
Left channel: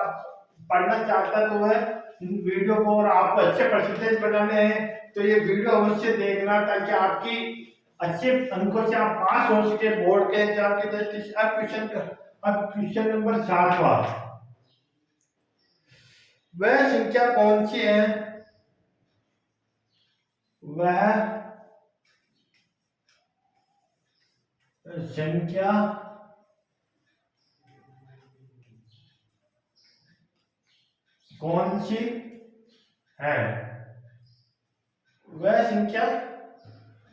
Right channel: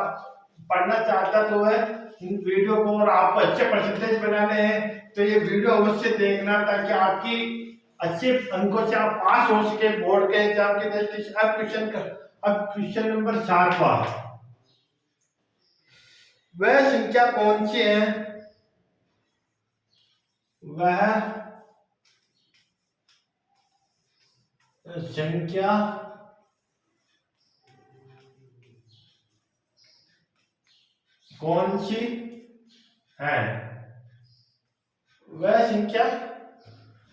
पढ़ना चाहता तो वह इन वीडियो को, और आपको अच्छे परसेंटेज बनाने हैं तो ये वीडियो अवश्य देखना ताकि आपकी अच्छे अंकों से आप पास हो सके बोर्ड के एग्जाम के दृष्टि से। अब क्वेश्चन नंबर 7। वह संख्या कौन सी है, वह संख्या कौन सी है, वह संख्या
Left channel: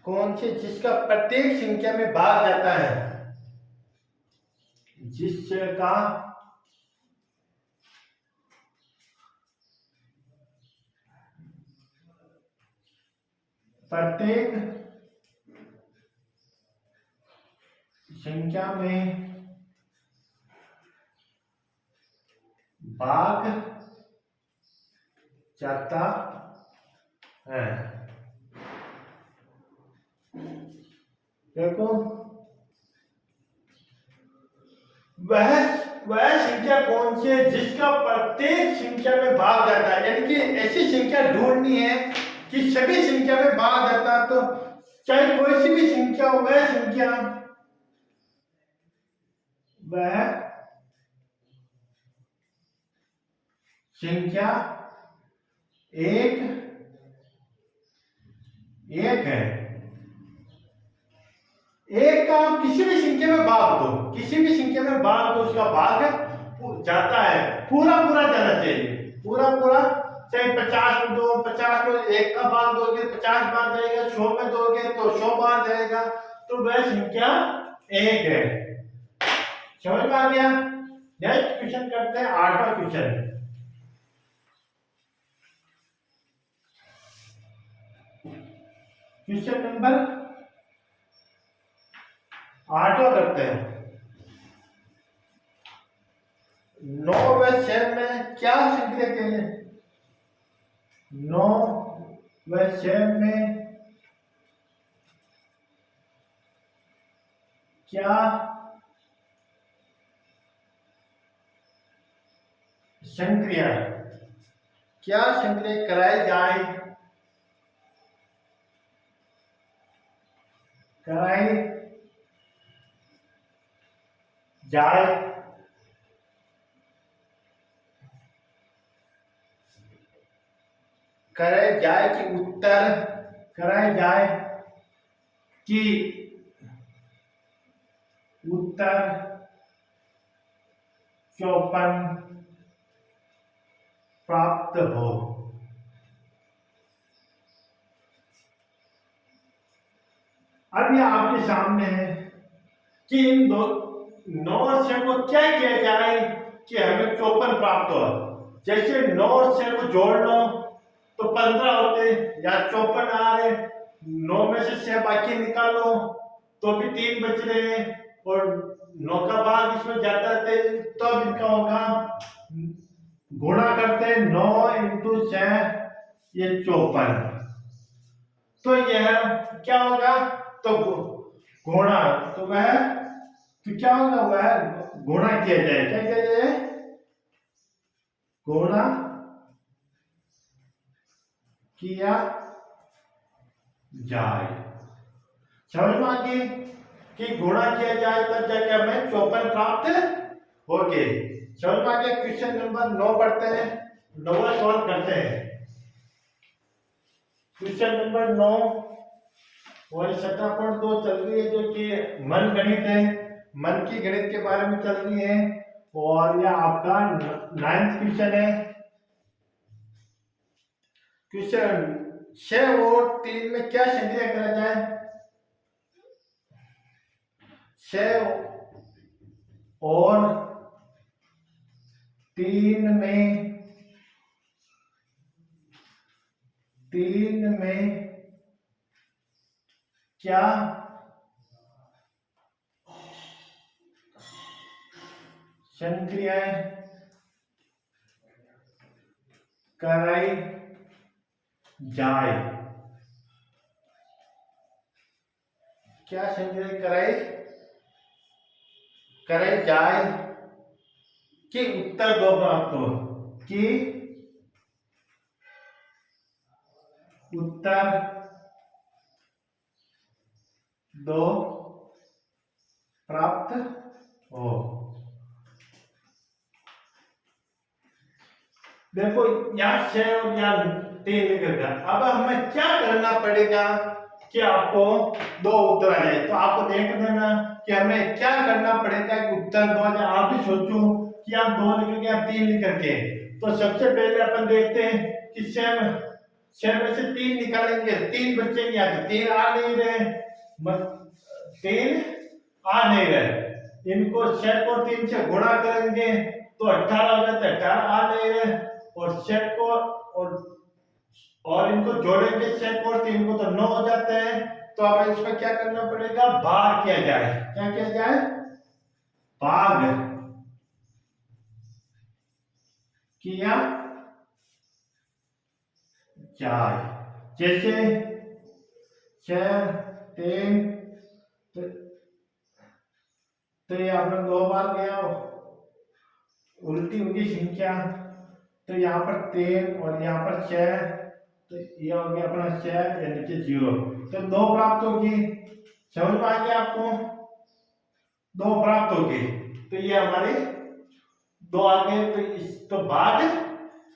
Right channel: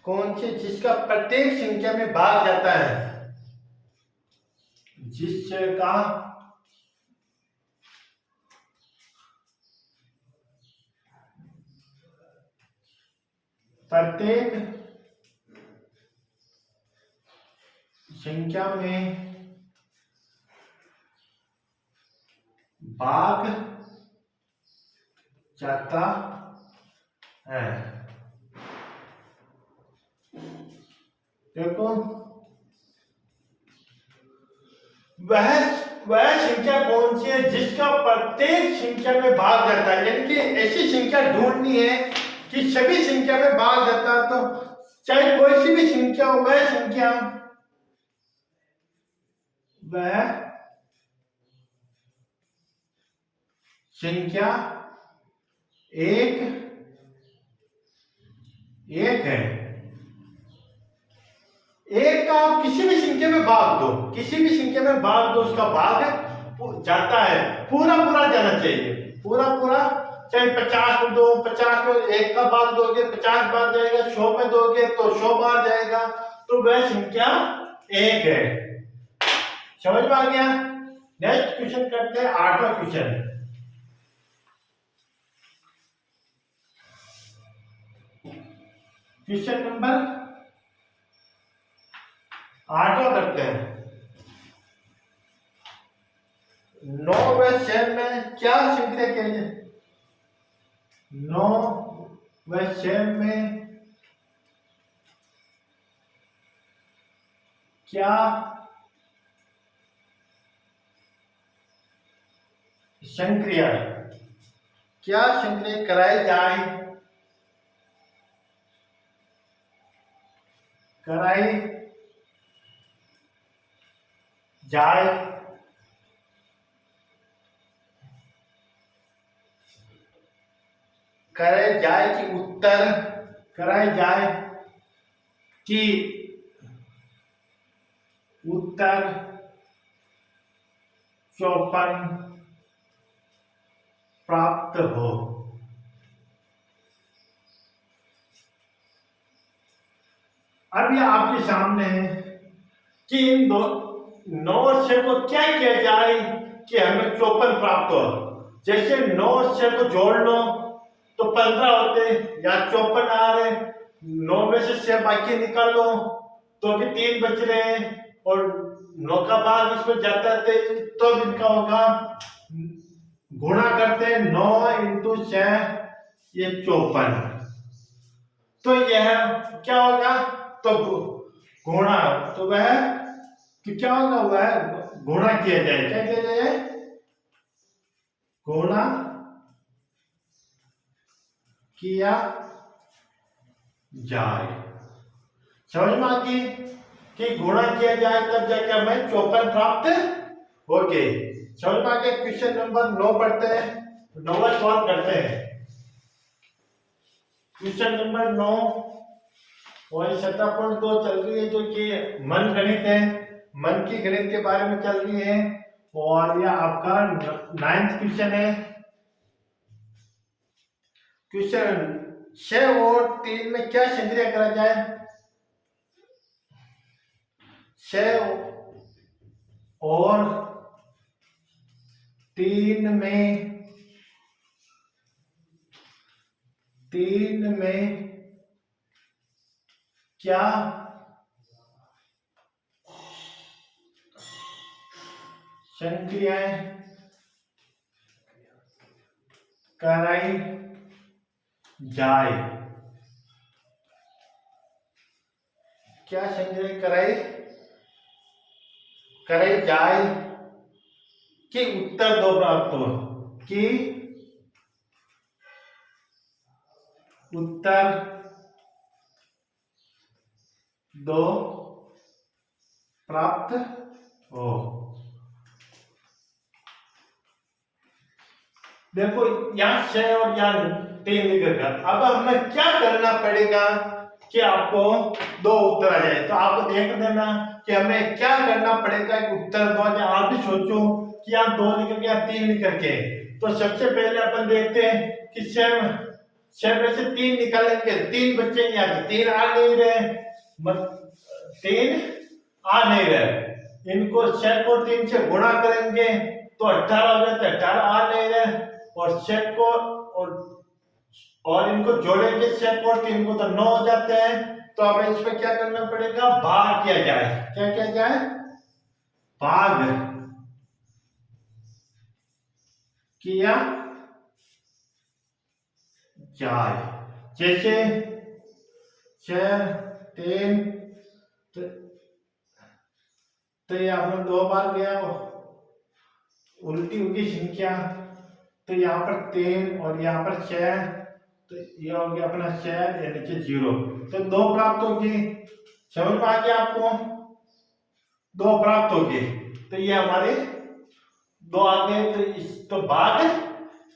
कौन सी जिसका प्रत्येक संख्या में भाग जाता है, जिसका प्रत्येक संख्या में भाग जाता है। देखो वह संख्या कौन सी है जिसका प्रत्येक संख्या में भाग जाता है, यानी कि ऐसी संख्या ढूंढनी है कि सभी संख्या में भाग जाता है, तो चाहे कोई सी भी संख्या हो, वह संख्या एक है। एक का आप किसी भी संख्या में भाग दो, किसी भी संख्या में भाग दो, उसका भाग जाता है, पूरा पूरा जाना चाहिए, पूरा पूरा। चाहे 50 में दो, 50 में एक का भाग दोगे 50 बार जाएगा, 100 में दोगे तो 100 बार जाएगा, तो वह संख्या एक है। समझ में आ गया। नेक्स्ट क्वेश्चन करते हैं 8वां क्वेश्चन। क्वेश्चन नंबर 8वां करते हैं। 9 व 6 में क्या संख्या कहते हैं, 9 व 6 में क्या संक्रिया कराई जाए कराई जाए कि उत्तर कराई जाए कि उत्तर 54 प्राप्त हो। अब ये आपके सामने है कि इन 9 और 6 को क्या किया जाए कि हमें 54 प्राप्त हो। जैसे 9 और 6 को जोड़ लो तो 15 होते, या 54 आ रहे, 9 में से 6 बाकी निकाल लो तो भी 3 बच रहे हैं, और 9 का भाग इसमें जाता है तो इनका होगा, गुणा करते हैं 9 × 6 ये 54, तो यह क्या होगा, तो गुणा, तो वह तो क्या होगा, वह गुणा किया जाए, क्या किया जाए, गुणा किया जाए। समझ में आ गई कि गुणा किया जाए तब जाके हमें 54 प्राप्त हो गए। समझ में आ गया। क्वेश्चन नंबर 9 पढ़ते हैं, 9वां सवाल करते हैं। क्वेश्चन नंबर 9 वही 17.2 चल रही है, जो कि मन गणित है। मन की गणित के बारे में चल रही है और यह आपका 9th क्वेश्चन है। क्वेश्चन 6 और 3 में क्या संक्रिया करा जाए? 6 और 3 में क्या संक्रियाएं कराई जाए? क्या संक्रिया कराई जाए कि उत्तर दो प्राप्त हो? कि उत्तर दो प्राप्त हो। देखो यहाँ 6 और यहाँ 3 निकल गया। अब हमें क्या करना पड़ेगा कि आपको दो उत्तर आ जाए? तो आपको देख देना कि हमें क्या करना पड़ेगा कि उत्तर दो आ जाए। आप भी सोचो कि यहाँ 2 निकल गया, 3 निकल के। तो सबसे पहले अपन देखते हैं कि 6 में से 3 निकालेंगे, 3 बच्चे नहीं आते, 3 आ नहीं रहे, 3 आ नहीं रहे। इनको 6 को 3 से गुणा करेंगे तो 18 हो जाता है, 18 आ नहीं रहे। और 6 को और इनको जोड़ेंगे 6 को 3 को तो 9 हो जाते हैं। तो अब इसमें क्या करना पड़ेगा? भाग किया जाए। क्या किया जाए? भाग किया जाए। जैसे 6 3 तो ये आपने 2 बार गया हो, उल्टी होगी संख्या। तो यहाँ पर 3 और यहाँ पर 6, तो ये हो गया अपना 6, या नीचे 0, तो 2 प्राप्त होगी। समझ में आ गया आपको? 2 प्राप्त होगी। तो ये हमारे 2 आ गए। तो इस तो भाग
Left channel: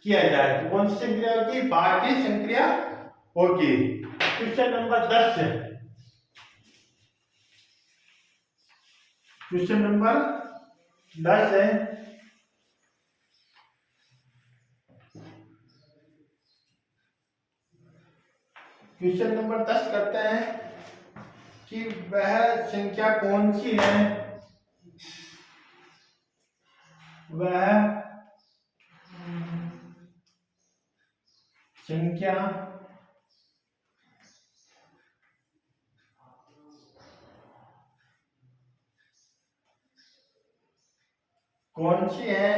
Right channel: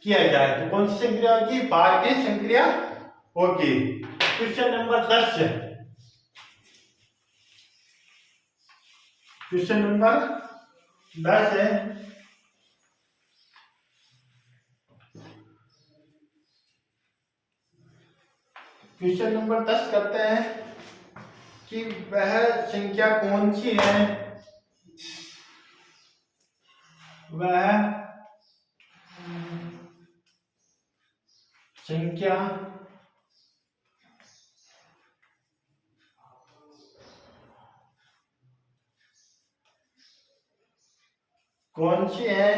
किया जाए तो कौन सी संक्रिया होगी? भाग की संक्रिया होगी। क्वेश्चन नंबर 10 है। क्वेश्चन नंबर 10 है। क्वेश्चन नंबर 10 करते हैं कि वह संख्या कौन सी है? वह संख्या कौन सी है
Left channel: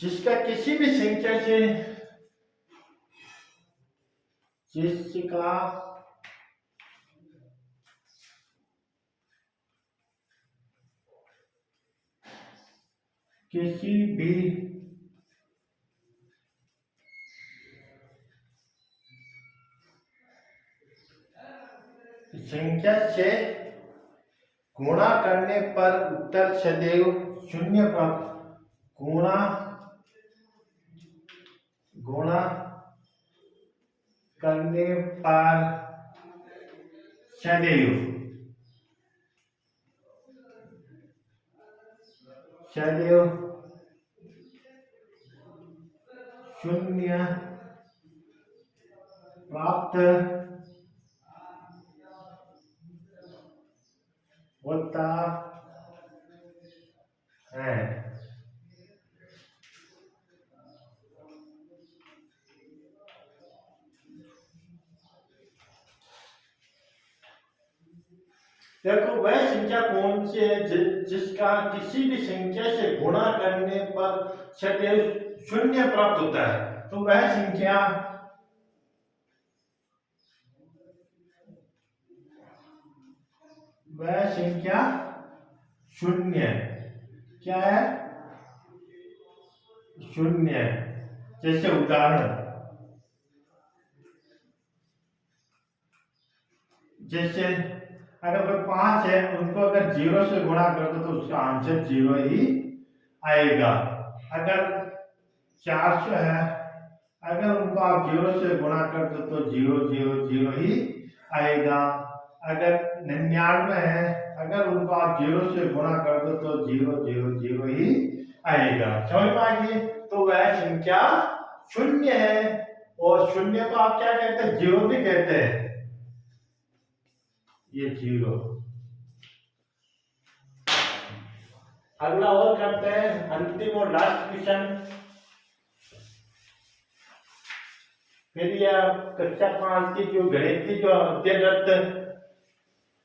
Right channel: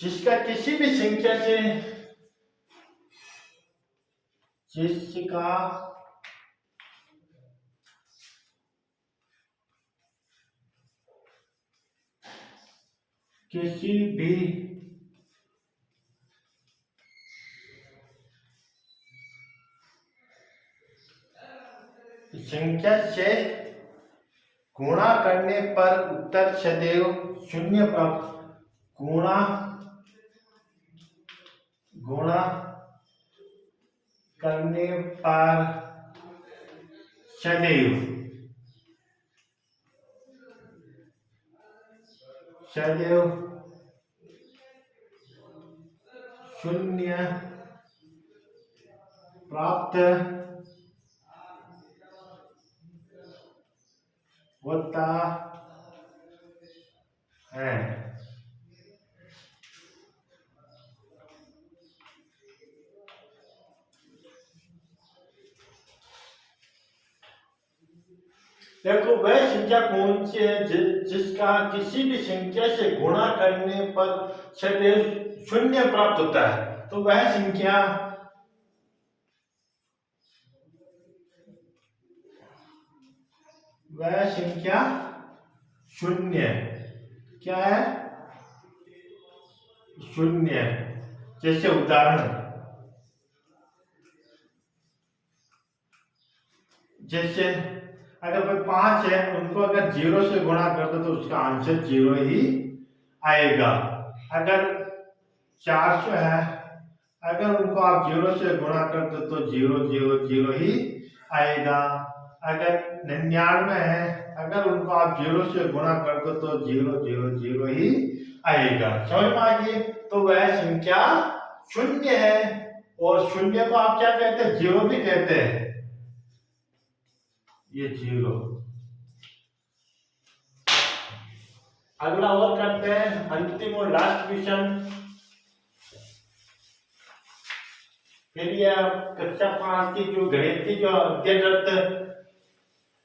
जिसका किसी भी संख्या से जिसका किसी भी संख्या से गुणा करने पर उत्तर सदैव शून्य प्राप्त। गुणा करने पर सदैव शून्य प्राप्त होता है। देखो वह संख्या कौन सी है जिसका किसी भी संख्या से गुणा करने पर सदैव शून्य प्राप्त होता है? तो वह संख्या शून्य क्या है? शून्य। जैसे उदाहरण, जैसे अगर कोई 5 है, उनको अगर 0 से गुणा कर दो तो उसका आंसर 0 ही आएगा। अगर 400 है, अगर उनको आप 0 से गुणा कर दो तो 0 0 0 ही आएगा। अगर 99 है, अगर उनको आप 0 से गुणा कर दो तो 0 0 0 ही आएगा। समझ में आ गई? तो वह संख्या शून्य है, और शून्य को आप क्या कहते हैं? 0 भी कहते हैं। ये 0। अगला और करते हैं, अंतिम और लास्ट क्वेश्चन। फिर ये कक्षा 5 की जो गणित की जो अध्ययनरत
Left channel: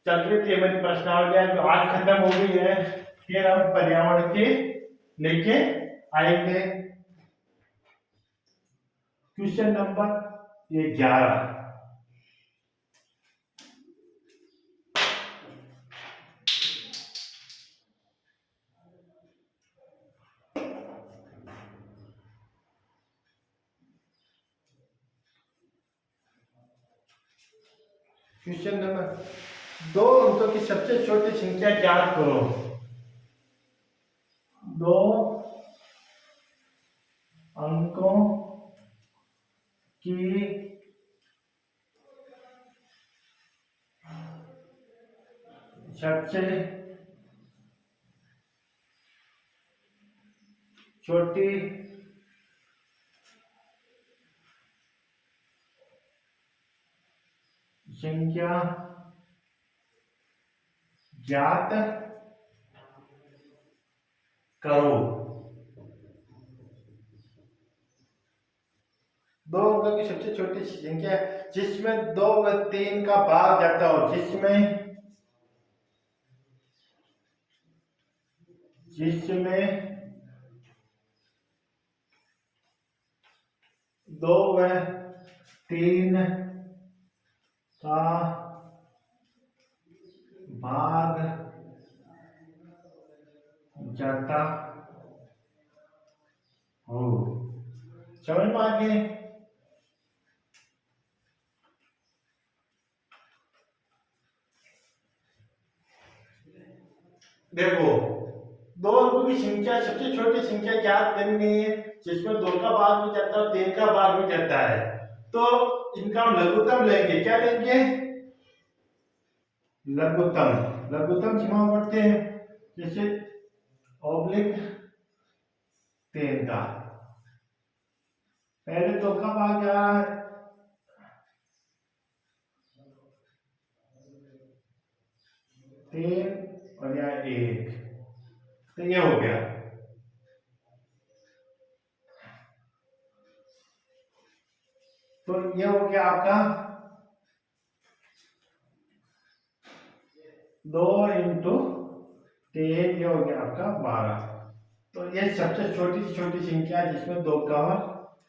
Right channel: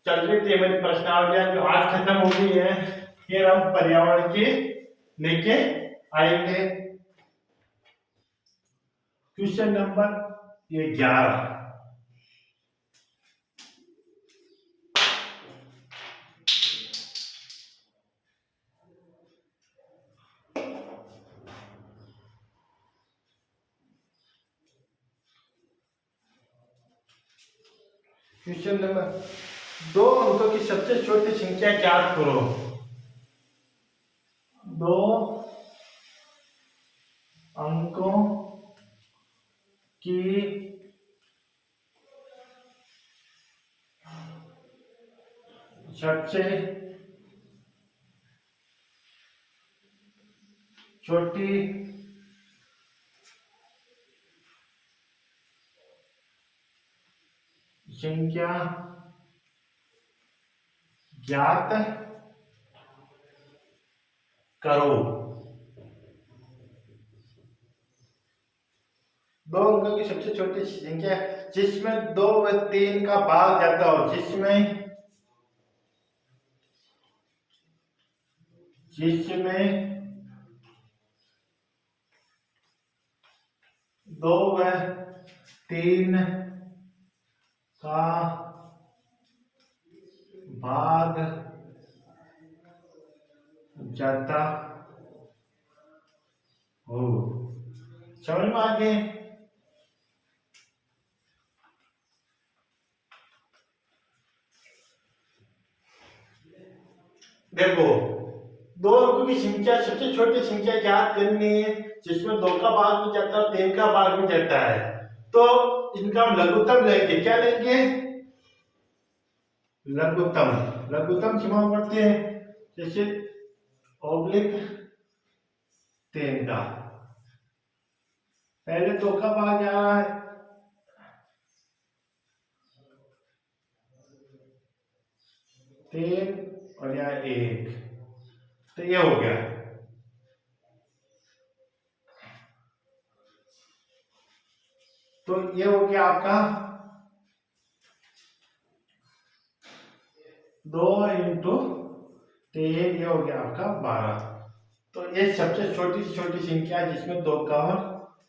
चल रही थी हमारी प्रश्नावलियां, जो आज खत्म हो गई है, फिर हम पर्यावरण के लेके आएंगे। क्वेश्चन नंबर ये 11। क्वेश्चन नंबर 2 अंकों की सबसे छोटी संख्या ज्ञात करो। 2 अंकों की सबसे छोटी संख्या ज्ञात करो। 2 अंकों की सबसे छोटी संख्या जिसमें 2 व 3 का भाग जाता हो, जिसमें 2 व 3 का भाग जाता हो। समझ में आ गए? देखो, 2 अंकों की संख्या सबसे छोटी संख्या ज्ञात करनी है, जिसमें 2 का भाग भी जाता है, 3 का भाग भी जाता है। तो इनका हम लघुत्तम लेंगे। क्या लेंगे? लघुत्तम। लघुत्तम सीमा पढ़ते हैं, जैसे ऑब्लिक 3 का, पहले 2 का भाग जा रहा है, 3 और यहाँ 1, तो ये हो गया। तो ये हो गया आपका 2 इंटू 3, ये हो गया आपका 12। तो ये सबसे छोटी से छोटी संख्या जिसमें 2 का हो,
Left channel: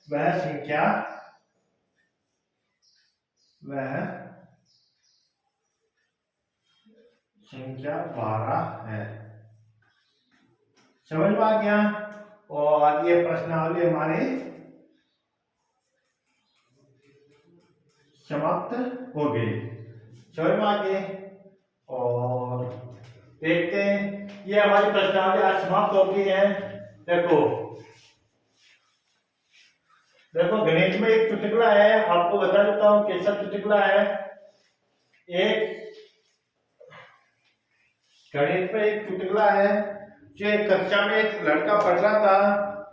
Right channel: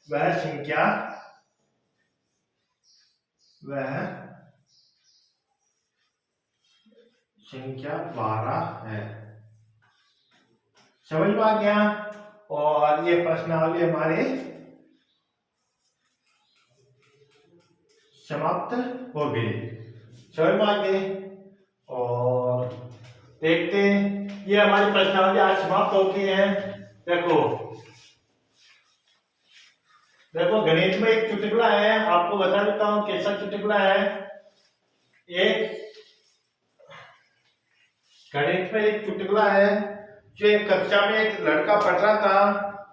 वह संख्या 12 है। समझ में आ गया? और ये प्रश्नावली हमारी समाप्त हो गई। समझ में आ गई? और देखते हैं, ये हमारी प्रश्नावली आज समाप्त हो गई है। देखो देखो, गणित में एक चुटकुला है, आपको बता देता हूं कैसा चुटकुला है। एक गणित में एक चुटकुला है, जो एक कक्षा में एक लड़का पढ़ रहा था,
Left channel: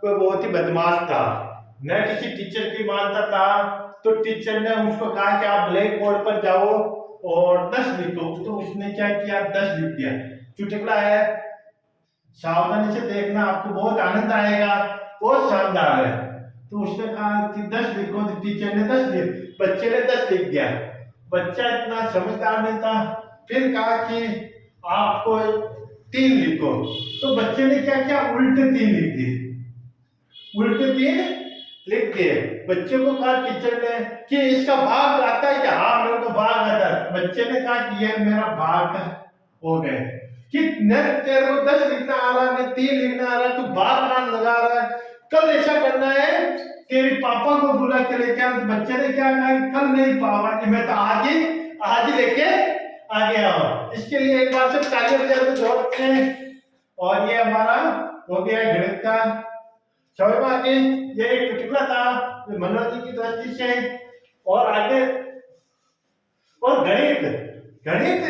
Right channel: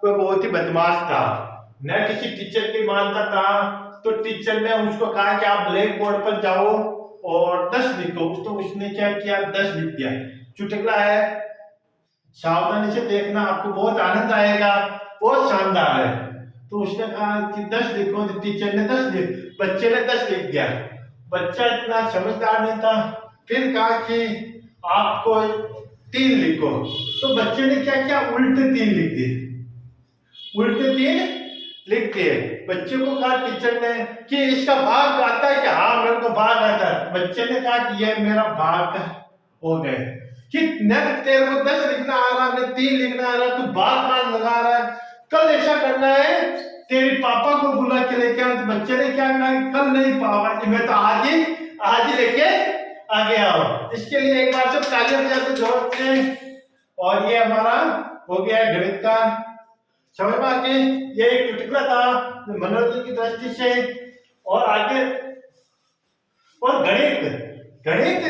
वह बहुत ही बदमाश था, न किसी टीचर की मानता था। तो टीचर ने उसको कहा कि आप ब्लैक बोर्ड पर जाओ और 10 लिखो। तो उसने क्या किया? 10 लिख दिया। चुटकुला है, सावधानी से देखना, आपको बहुत आनंद आएगा, बहुत शानदार है। तो उसने कहा कि 10 लिखो, तो टीचर ने 10 लिख, बच्चे ने 10 लिख दिया। बच्चा इतना समझदार नहीं था, फिर कहा कि आपको 3 लिखो। तो बच्चे ने क्या किया? उल्टे 3 लिख दिए, उल्टे 3 लिख दिए। बच्चे को कहा टीचर ने कि इसका भाग आता है क्या? हाँ, मेरे को भाग आता है। बच्चे ने कहा कि ये मेरा भाग हो गए कि न तेरे को 10 लिखना आ रहा, न 3 लिखना आ रहा, तू भाग कहां लगा रहा है? कल ऐसा करना है, तेरे पापा को बुला के लेके आना। तो बच्चे ने क्या कहा? कल नहीं पापा, मैं तो आज ही लेके आ गया हूं। इसके लिए एक बार सब तालियां बजाते जोरते हैं। और ये हमारा हो गया गणित का। समझ में आ गई? ये एक चुटकुला था मनोरंजन की दृष्टि से। और आगे, और गणित गणित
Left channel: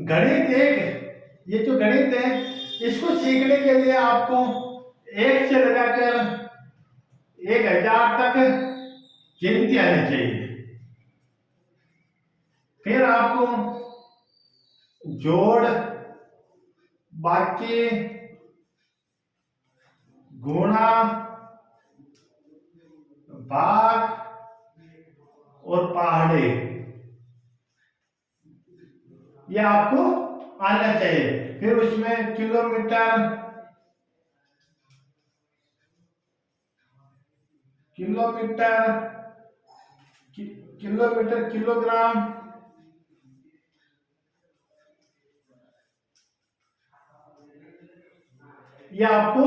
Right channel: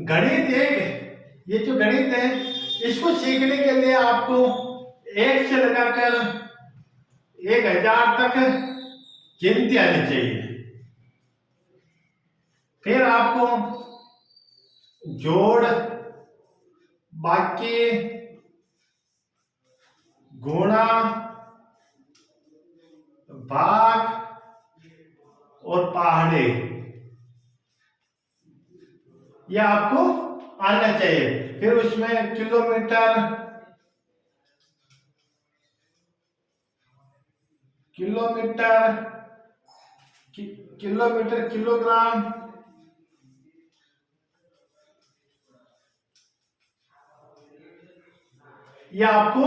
गणित एक, ये जो गणित है इसको सीखने के लिए आपको 1 से लगाकर 1000 तक गिनती आनी चाहिए। फिर आपको जोड़, बाकी, गुणा, भाग और पहाड़े, ये आपको आना चाहिए। फिर उसमें किलोमीटर, किलोग्राम, ये आपको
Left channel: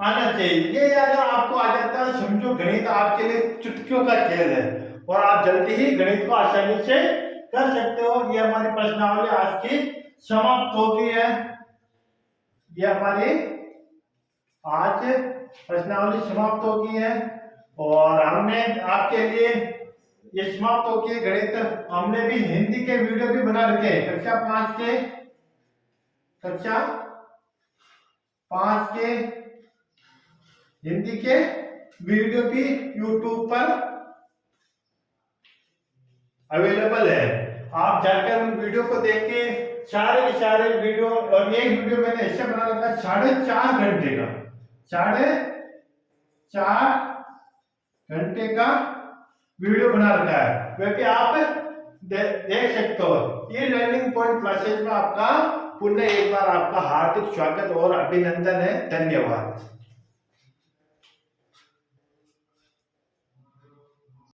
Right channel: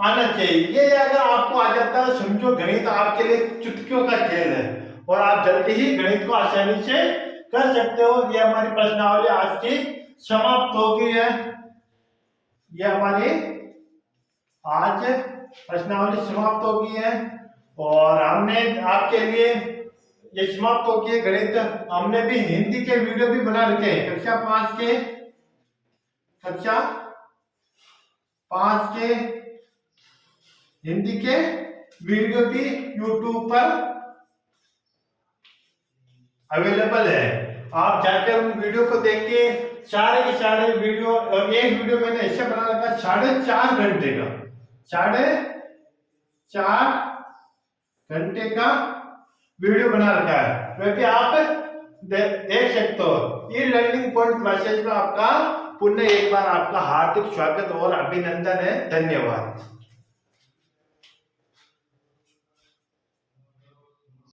आना चाहिए। ये अगर आपको आ जाता है, समझो गणित आपके लिए चुटकियों का खेल है और आप जल्दी ही गणित को आसानी से कर सकते हो। ये हमारी प्रश्नावली आज की समाप्त हो गई है। ये हमारी आज प्रश्नावली समाप्त हो गई है और हमने आपके लिए ये समाप्त हो गई गणित। हमने भी हिंदी के वीडियो भी बना रखे हैं कक्षा 5 के हिंदी के वीडियो भी YouTube पर अवेलेबल है। आप जाकर उन वीडियो को देख के सारे के सारे वीडियो, और एक वीडियो मैंने ऐसे बना रखा 4.5 घंटे का, 4.5 घंटे का वीडियो बना रखा है, वह भी आप देख सकते हो। ये लर्निंग पॉइंट क्लासेस में आपका पुनः एक बार आपका हार्दिक स्वागत और अभिनंदन है। धन्यवाद।